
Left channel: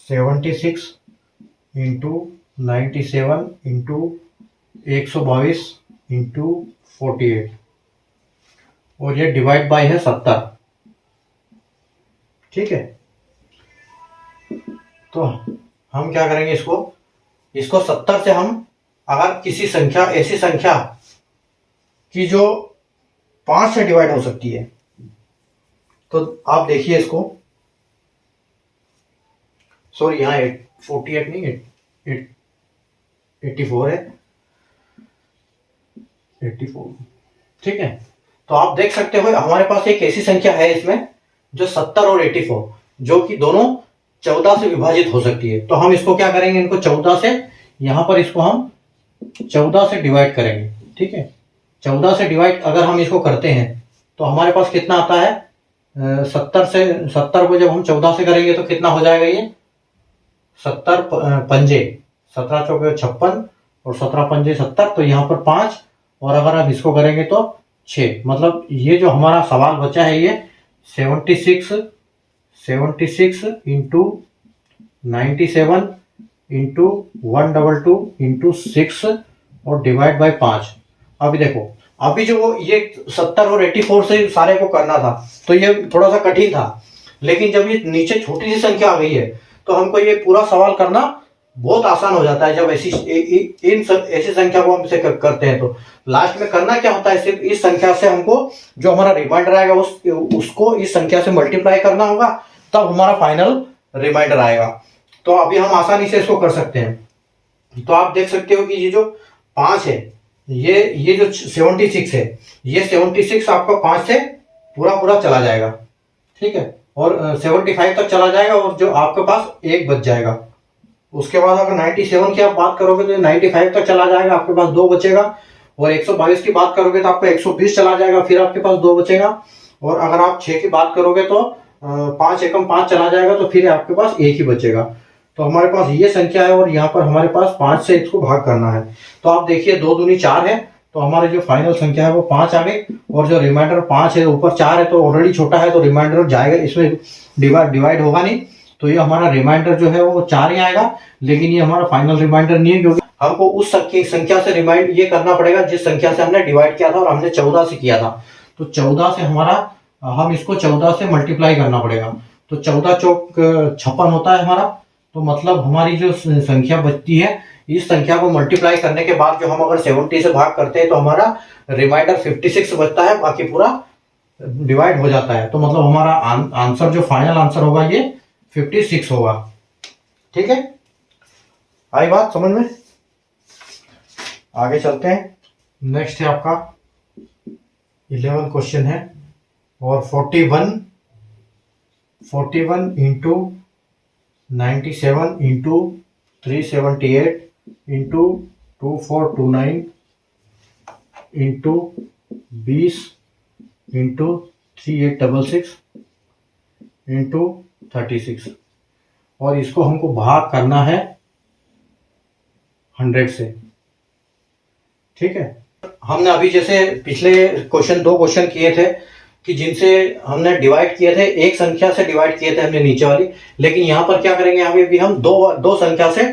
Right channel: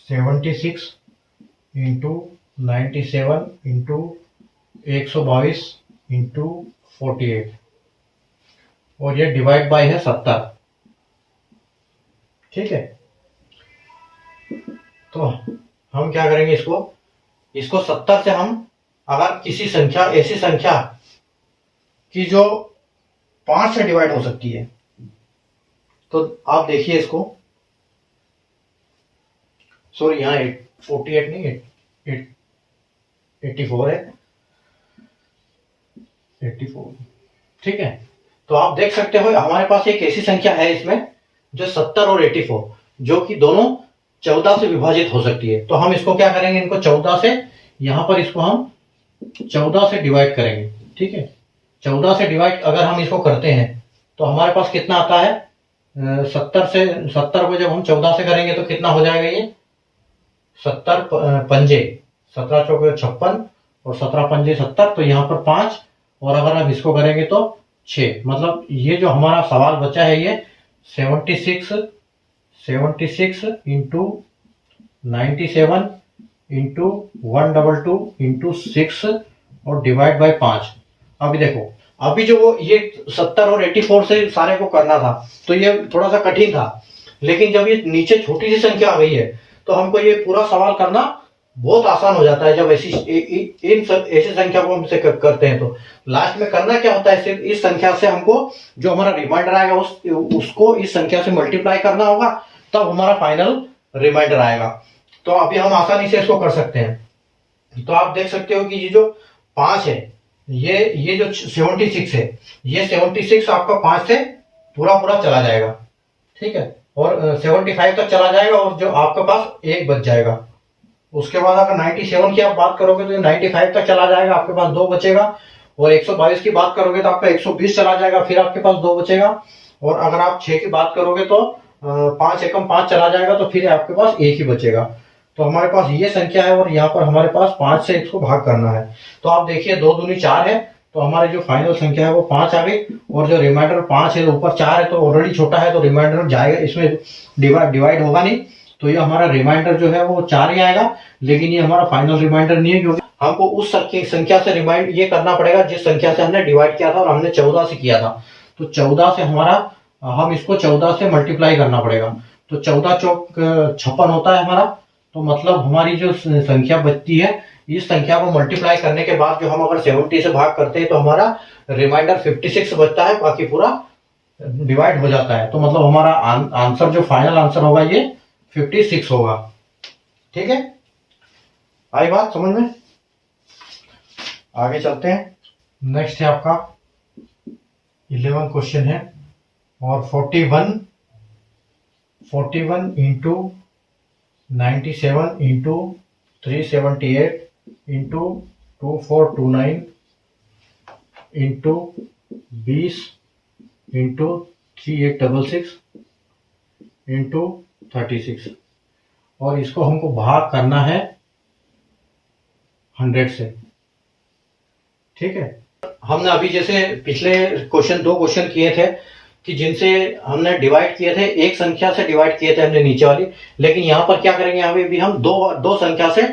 76 into 97 into 122 into 48 और ये डिवाइड बाय है 70। ठीक है, तो हम क्या करेंगे, इसको 70 से हम अगर किसी संख्या, ऐसी संख्या की जो 5 से डिवाइड हो सकती है, तो आप देखिए इसको, सॉरी यहाँ 48 नहीं, 84 है, 84। ठीक है, तो आप देख सकते हो हमारे पास एक ऐसी संख्या है इसमें जो 70 और 84 जो कि दोनों 14 से विभाजित हो सकती है। तो हम इसको क्या करेंगे, इनको 14 से, यहां पर इसको हम 14 से डिवाइड करेंगे। ठीक है, 14 से डिवाइड अगर हम इसको करते हैं तो हमारे पास कितना आता है, 70 को जब हम 14 से करेंगे तो कितना हो जाएगा, ये 70 पंजे, 17 चौके 56 और 17 पंजे 70, तो यहाँ पर 5 और अगर हम इसको करेंगे तो 6। मतलब ये जो हमारा सवाल बचा है ये 76 इंटू 97 इंटू 122 इंटू 6 और डिवाइड बाय 5। अभी देखो, अभी जो ये 70 और 84 से सारे को करना था तो ये थोड़ा सा कठिन था, लेकिन जब ये नीचे छोटी सी संख्या आ गई है तो हमको ये पूरा सवाल करना बहुत आसान हो जाता है। जब ऐसी ऐसी संख्या को हम इसे करते हैं तो लास्ट में करना क्या होता है, सिर्फ इस संख्या से हमको जो हमारा रिमाइंडर आएगा उसको इस संख्या से मल्टीप्लाई करना होगा, तब हमारा फाइनल रिमाइंडर आएगा। तो अभी हम आसानी से इसको कर सकते हैं। तो आप देख सकते हो कि ये जो 5 है, ये जो 76 है, ये 76 आपका 5 से पूरा चला जाएगा। ठीक है, और 75 तक चला जाएगा और जो आपके पास 1 बच जाएगा। उसके बाद अगर 97 की आप बात करोगे तो 95 तक चला जाएगा, आपके पास 2 बचेगा। और 122 की बात करोगे तो आपका 120 चला जाएगा, फिर आपके पास 2 बचेगा। और अगर आप 6 की बात करोगे तो 5 एकम 5 चला जाएगा, तो फिर आपके पास 1 ही बचेगा। तो हमारे पास ये संख्या है और यहाँ पर हमारे पास 5 से इसको भाग करना है। तो आप देखिए 2 दूनी 4 है, तो हमारे जो फाइनल संख्या है वो 5 आ गई। और जो रिमाइंडर 5 है, ऊपर 4 है तो ऑलरेडी छोटा है, तो रिमाइंडर जाएगा, इसमें डिवाइड होगा नहीं, तो ये हमारा रिमाइंडर जो है वो 4 ही आएगा। लेकिन ये हमारा फाइनल रिमाइंडर नहीं है, क्योंकि हमको उस संख्या से रिमाइंड ये करना पड़ेगा जिस संख्या से हमने डिवाइड किया था, और हमने 14 से किया था। तो 14 से हम इसको 14 से मल्टीप्लाई करना पड़ेगा। तो 14 चौक 56 होता है हमारा। तो मतलब हमारी जो संख्या बचती है, इस संख्या को मल्टीप्लाई करने के बाद जो हम अगर 70 से भाग करते हैं तो हमारा रिमाइंडर 56 बचता है, बाकी पूरा डिवाइड हो जाता है। तो मतलब हमारा आंसर जो फाइनल आंसर होगा ये 56 होगा। ठीक है, आई बात समझ में? आगे चलते हैं। नेक्स्ट है आपका 11 क्वेश्चन है, और 41 into 97 into 378 into 2429 into 20 into 3866 into 36, और इसको हमको भाग करना है 100 से। ठीक है, हमने अभी जैसे पिछले क्वेश्चन 2 क्वेश्चन किए थे कि जिनसे हमने डिवाइड किए थे, एक संख्या से डिवाइड किए थे हमने नीचे वाली, लेकिन यहाँ पर क्या करेंगे, अभी भी हम दो संख्या से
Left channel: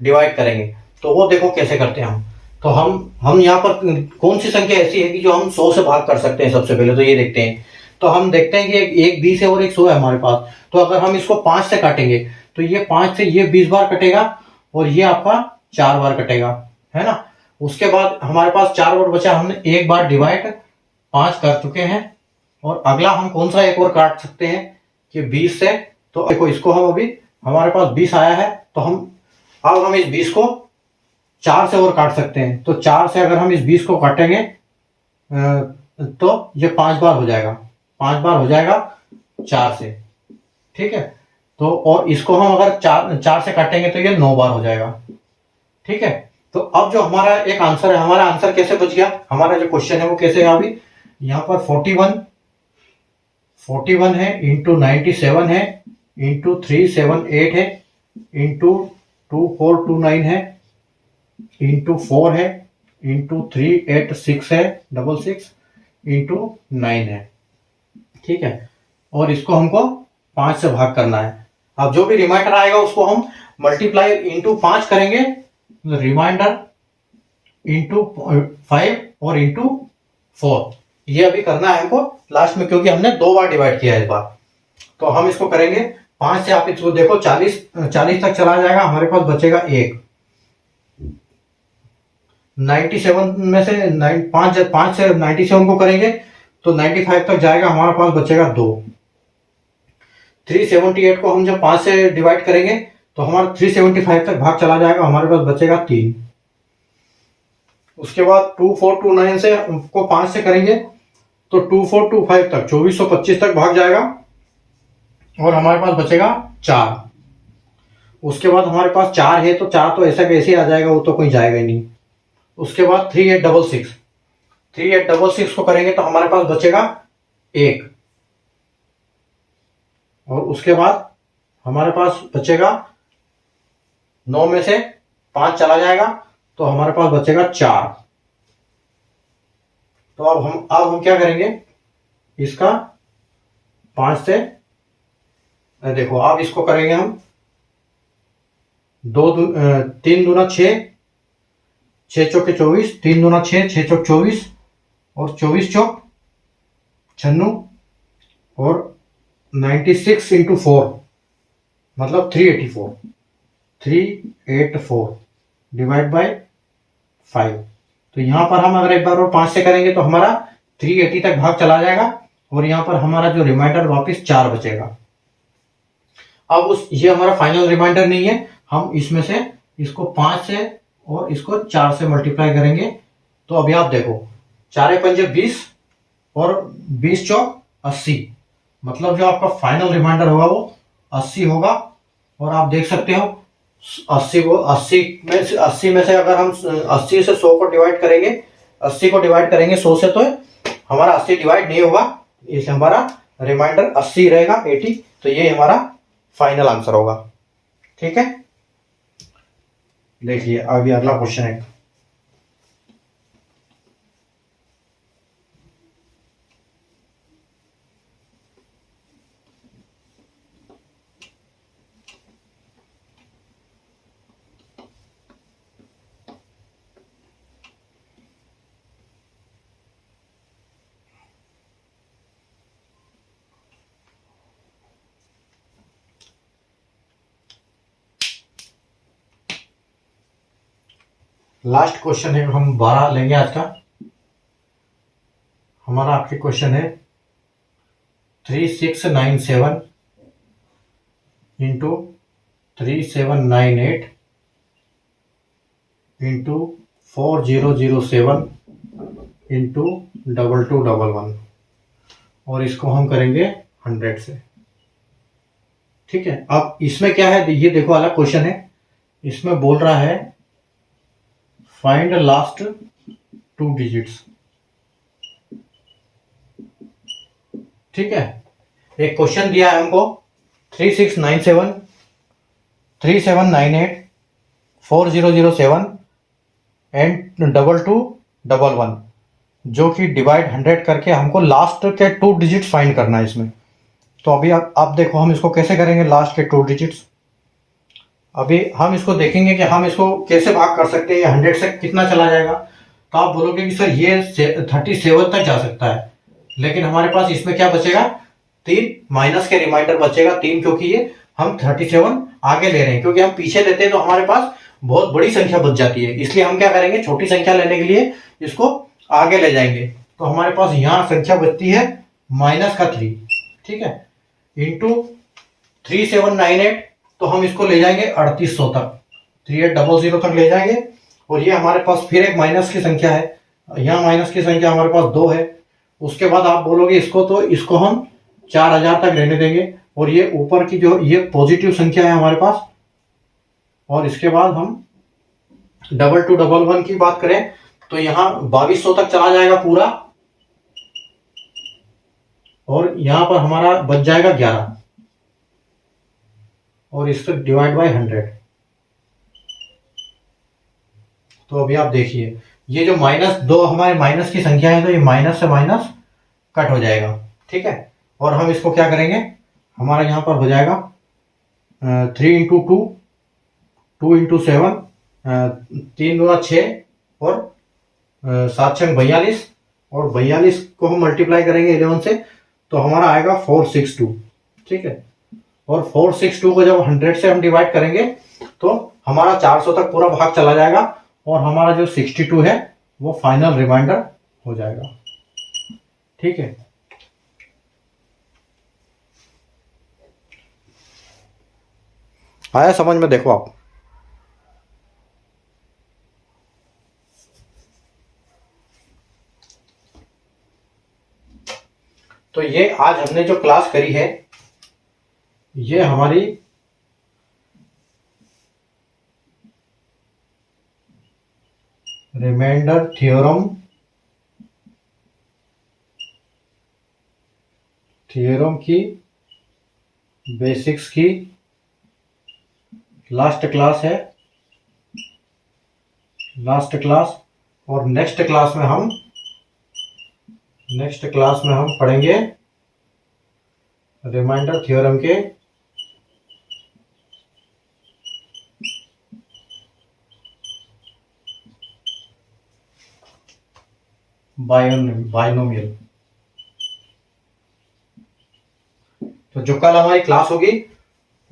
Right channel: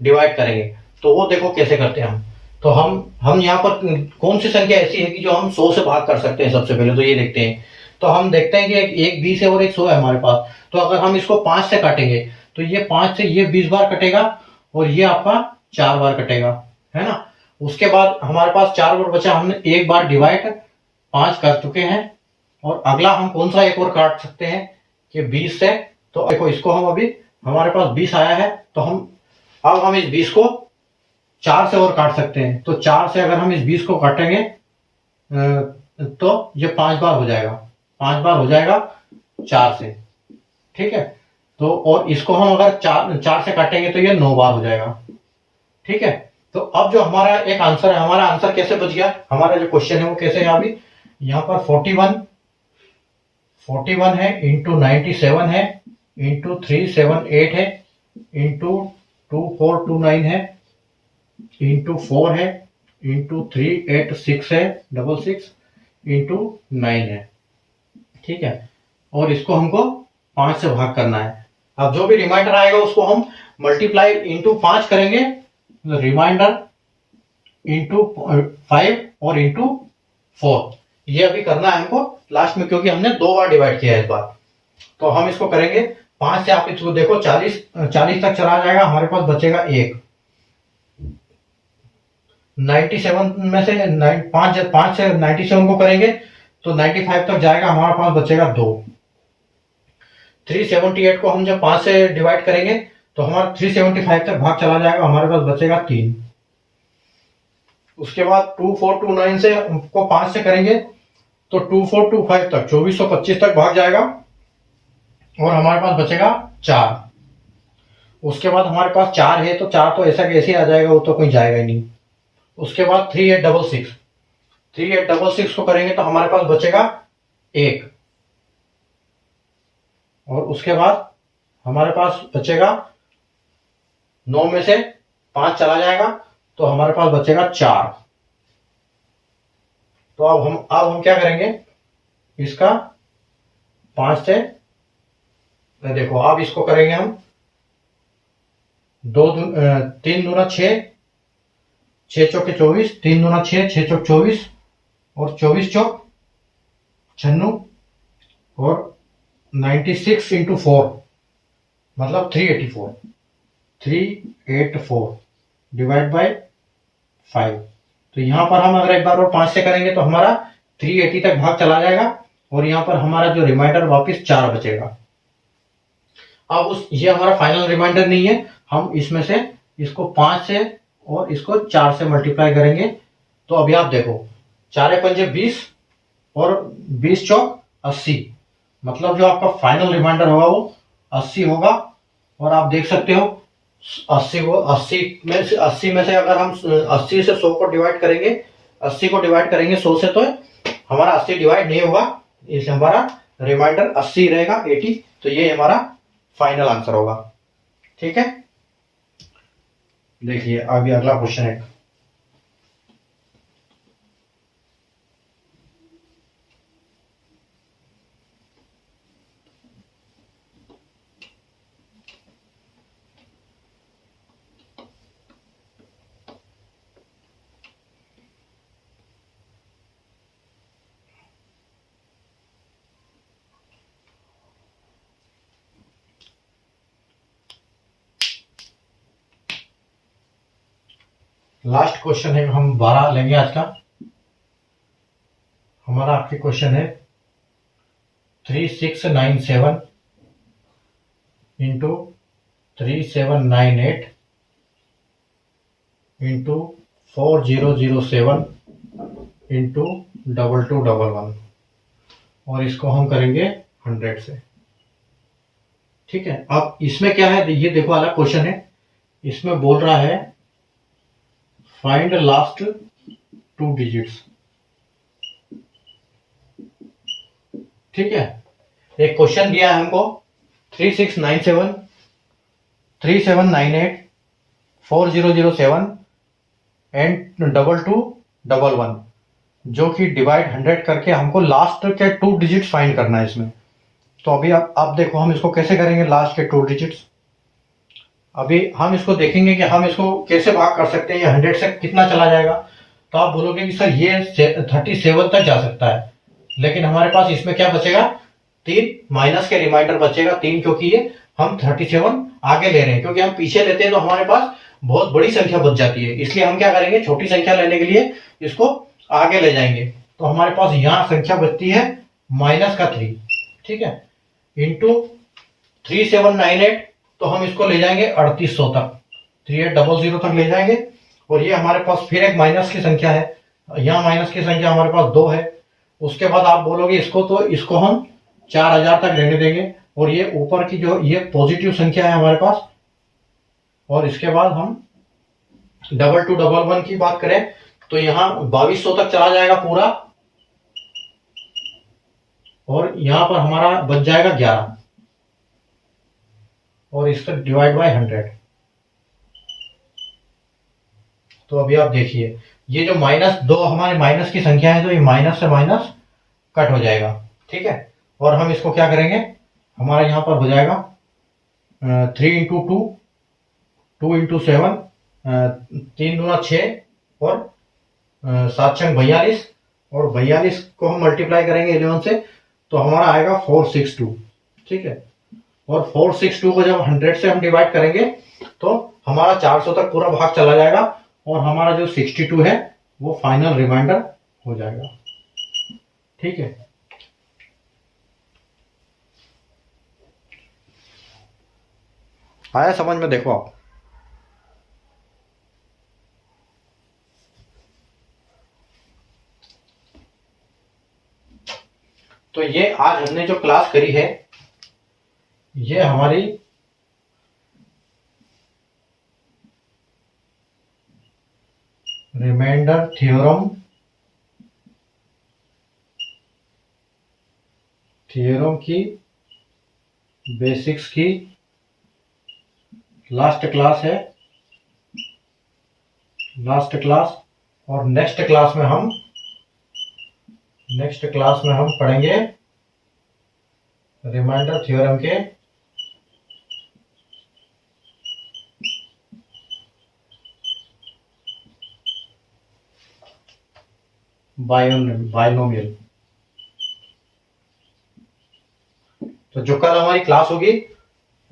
डिवाइड करेंगे। तो वो देखो कैसे करते हैं हम। तो हम यहाँ पर कौन सी संख्या ऐसी है कि जो हम 100 से भाग कर सकते हैं, सबसे पहले तो ये देखते हैं। तो हम देखते हैं कि एक 20 है और एक 100 है हमारे पास। तो अगर हम इसको 5 से काटेंगे तो ये 5 से ये 20 बार कटेगा और ये आपका 4 बार कटेगा, है ना। उसके बाद हमारे पास 4 बार बचा, हमने एक बार डिवाइड 5 कर चुके हैं। और अगला हम कौन सा एक और काट सकते हैं कि 20 से। तो देखो इसको हम अभी हमारे पास 20 आया है, तो अब हम इस 20 को 4 से और काट सकते हैं। तो 4 से अगर हम इस 20 को काटेंगे तो ये 5 बार हो जाएगा, 5 बार हो जाएगा 4 से। ठीक है, तो और इसको हम अगर 4 से काटेंगे तो ये 9 बार हो जाएगा। ठीक है, तो अब जो हमारा एक आंसर है, हमारा आंसर कैसे बच गया, हमारा जो क्वेश्चन है वो कैसे है। अभी यहाँ पर 41 है, इंटू 97 है, इंटू 378 है, इंटू 2429 है, इंटू 4 है, इंटू 386 है 66, इंटू 9 है। ठीक है, और इसको हमको 5 से भाग करना है। अब जो भी रिमाइंडर आएगा उसको हम मल्टीप्लाई इंटू 5 करेंगे, रिमाइंडर इंटू 5 और इंटू 4। ये अभी करना है हमको लास्ट में, क्योंकि हमने 2 बार डिवाइड किया है इस बार। तो हम इसको करेंगे 5 से, आप इसको देखो 40 तक चला जाएगा, हमारे पास बचेगा 1। 97 में से 5 से 97 को करेंगे तो 95 तक जाएगा, हमारे पास बचेगा 2। 378 को हम जब 5 से डिवाइड करेंगे तो हमारा 375 तक भाग चला जाएगा, हमारे पास बचेगा 3। उसके बाद 2429 से को 5 से करेंगे तो 2425 तक 2425 तक भाग जाएगा और हमारे पास बचेगा 4। उसके बाद हमारे पास 4 है तो 4 तो ऐसा कैसे आ जाएगा, वो तो कोई जाएगा ही नहीं। उसके बाद 3866 को करेंगे तो हमारे पास बचेगा 1। और उसके बाद हमारे पास बचेगा 9 में से 5 चला जाएगा तो हमारे पास बचेगा 4। तो अब हम क्या करेंगे, इसका 5 से देखो, अब इसको करेंगे हम 3 दूना 6, 6 चौके 24, 3 दूना 6, 6 चौक 24 और 24 चौक 96 और 96 इंटू 4 मतलब 384 डिवाइड बाय 5। तो यहां पर हम अगर एक बार और 5 से करेंगे तो हमारा 380 तक भाग चला जाएगा और यहां पर हमारा जो रिमाइंडर वापस 4 बचेगा। अब ये हमारा फाइनल रिमाइंडर नहीं है, हम इसमें से इसको 5 से और इसको 4 से मल्टीप्लाई करेंगे। तो अभी आप देखो 4 पंजे 20 और 20 चौक 80, मतलब जो आपका फाइनल रिमाइंडर होगा वो 80 होगा। और आप देख सकते हो 80 में से अगर हम 80 से 100 को डिवाइड करेंगे, 80 को डिवाइड करेंगे 100 से, तो हमारा 80 डिवाइड नहीं होगा, इसलिए हमारा रिमाइंडर 80 रहेगा, 80। तो ये हमारा फाइनल आंसर होगा। ठीक है, देखिए अभी अगला क्वेश्चन है। लास्ट क्वेश्चन है, हम 12 लेंगे आज का। हमारा आपके क्वेश्चन है 3697 इंटू 3798 इंटू 4007 इंटू 2211 और इसको हम करेंगे 100 से। ठीक है, अब इसमें क्या है, ये देखो अलग क्वेश्चन है, इसमें बोल रहा है फाइंड लास्ट 2 डिजिट्स। ठीक है, एक क्वेश्चन दिया है हमको 3697 3798 4007 and double two double one, जो कि डिवाइड 100 करके हमको लास्ट के 2 डिजिट फाइंड करना है इसमें। तो अभी आप देखो हम इसको कैसे करेंगे लास्ट के 2 डिजिट्स। अभी हम इसको देखेंगे कि हम इसको कैसे भाग कर सकते हैं, या 100 से कितना चला जाएगा। तो आप बोलोगे कि सर ये 37 तक जा सकता है, लेकिन हमारे पास इसमें क्या बचेगा, 3 माइनस के रिमाइंडर बचेगा 3, क्योंकि ये हम 37 आगे ले रहे हैं, क्योंकि हम पीछे लेते हैं तो हमारे पास बहुत बड़ी संख्या बच जाती है। इसलिए हम क्या करेंगे, छोटी संख्या लेने के लिए इसको आगे ले जाएंगे। तो हमारे पास यहाँ संख्या बचती है माइनस का 3, ठीक है, इंटू 3798, तो हम इसको ले जाएंगे 3800 तक, 3800 तक ले जाएंगे। और ये हमारे पास फिर एक माइनस की संख्या है, यहाँ माइनस की संख्या हमारे पास 2 है। उसके बाद आप बोलोगे इसको, तो इसको हम 4000 तक रहने देंगे। और ये ऊपर की जो ये पॉजिटिव संख्या है हमारे पास, और इसके बाद हम डबल टू डबल वन की बात करें तो यहाँ 2200 तक चला जाएगा पूरा, और यहाँ पर हमारा बच जाएगा 11, और इससे डिवाइड बाय 100। तो अभी आप देखिए ये जो -2 हमारे माइनस की संख्या है, तो ये माइनस से माइनस कट हो जाएगा, ठीक है। और हम इसको क्या करेंगे, हमारा यहाँ पर हो जाएगा 3 इंटू 2, 2 इंटू 7, 3 दूना 6, और 7 छंग 42, और 42 को हम मल्टीप्लाई करेंगे 11 से, तो हमारा आएगा 462, ठीक है। और 462 को जब 100 से हम डिवाइड करेंगे तो हमारा 400 तक पूरा भाग चला जाएगा, और हमारा जो 62 है वो फाइनल रिमाइंडर हो जाएगा, ठीक है। आया समझ में, देखो आप। तो ये आज हमने जो क्लास करी है, ये हमारी रिमाइंडर थ्योरम की बेसिक्स की लास्ट क्लास है, लास्ट क्लास। और नेक्स्ट क्लास में हम पढ़ेंगे रिमाइंडर थ्योरम के बायनोमियल। तो जो कल हमारी क्लास होगी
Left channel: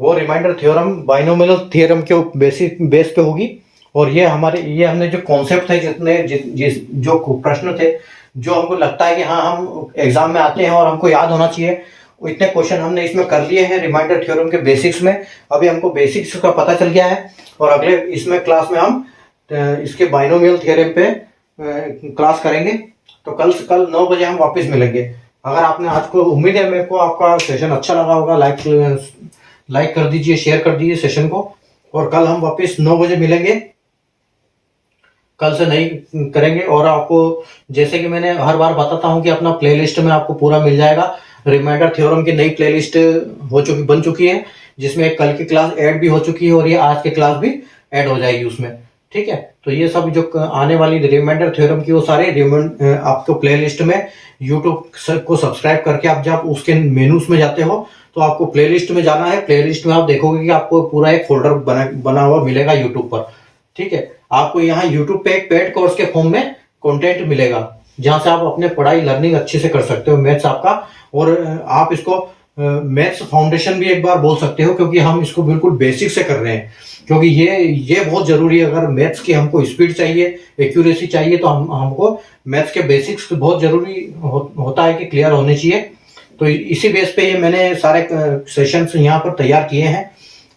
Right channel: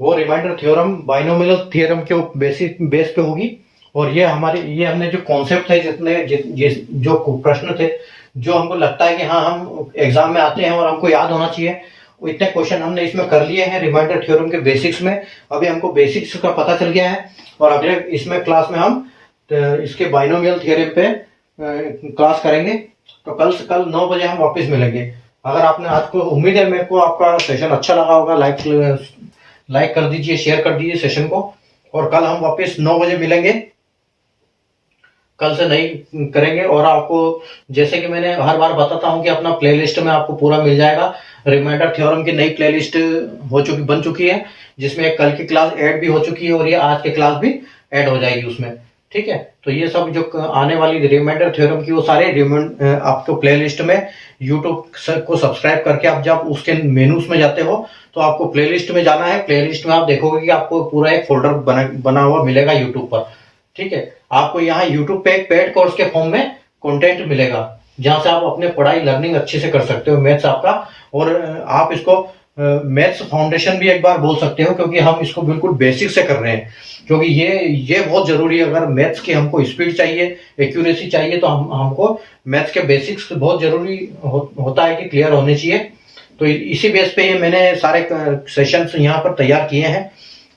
वो रिमाइंडर थ्योरम बायनोमियल थ्योरम के बेस पे होगी। और ये हमने जो कॉन्सेप्ट थे, जो प्रश्न थे, जो हमको लगता है कि हाँ हम एग्जाम में आते हैं और हमको याद होना चाहिए, इतने क्वेश्चन हमने इसमें कर लिए हैं रिमाइंडर थ्योरम के बेसिक्स में। अभी हमको बेसिक्स का पता चल गया है, और अगले इसमें क्लास में हम इसके बायनोमियल थ्योरम पे क्लास करेंगे। तो कल 9 बजे हम वापस मिलेंगे। अगर आपने आज को, उम्मीद है मेरे को आपका सेशन अच्छा लगा होगा, लाइक कर दीजिए, शेयर कर दीजिए सेशन को। और कल हम वापस 9 बजे मिलेंगे, कल से नहीं करेंगे। और आपको जैसे कि मैंने हर बार बताता हूं कि अपना प्लेलिस्ट में आपको पूरा मिल जाएगा। रिमाइंडर थ्योरम की नई प्लेलिस्ट बन चुकी है, जिसमें एक कल की क्लास ऐड भी हो चुकी है, और ये आज की क्लास भी ऐड हो जाएगी उसमें, ठीक है। तो ये सब जो आने वाली रिमाइंडर थ्योरम की वो सारे आपको प्लेलिस्ट में यूट्यूब को सब्सक्राइब करके आप जब उसके मेनूज में जाते हो तो आपको प्लेलिस्ट में जाना है। प्लेलिस्ट में आप देखोगे कि आपको पूरा एक फोल्डर बना हुआ मिलेगा यूट्यूब पर, ठीक है। आपको यहाँ यूट्यूब पे एक पेड कोर्स के फॉर्म में कंटेंट मिलेगा, जहां से आप अपने पढ़ाई लर्निंग अच्छे से कर सकते हो, मैथ्स आपका। और आप इसको मैथ्स फाउंडेशन भी एक बार बोल सकते हो, क्योंकि हम इसको बिल्कुल बेसिक से कर रहे हैं, क्योंकि ये बहुत जरूरी है। अगर मैथ्स की हमको स्पीड चाहिए, एक्यूरेसी चाहिए, तो हमको मैथ्स के बेसिक्स बहुत जरूरी होता है कि क्लियर होने चाहिए। तो इसी बेस पे ये मैंने सारे सेशंस यहाँ पर तैयार किए हैं,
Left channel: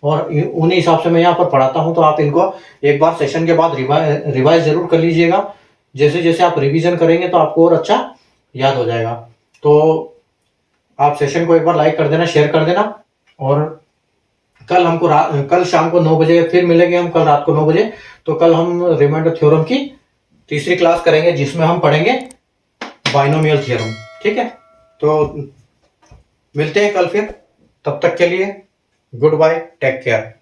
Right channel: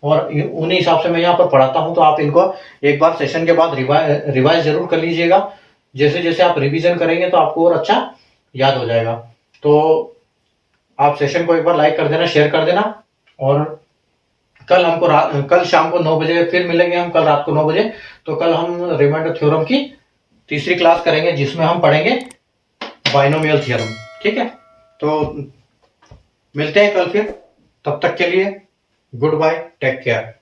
और उन्हीं हिसाब से मैं यहाँ पर पढ़ाता हूँ। तो आप इनको एक बार सेशन के बाद रिवाइज जरूर कर लीजिएगा। जैसे जैसे आप रिवीजन करेंगे तो आपको और अच्छा याद हो जाएगा। तो आप सेशन को एक बार लाइक कर देना, शेयर कर देना। और कल शाम को 9 बजे फिर मिलेंगे हम, कल रात को 9 बजे। तो कल हम रिमाइंडर थ्योरम की तीसरी क्लास करेंगे, जिसमें हम पढ़ेंगे बायनोमियल थ्योरम, ठीक है। तो मिलते हैं कल फिर, तब तक के लिए गुड बाय, टेक केयर।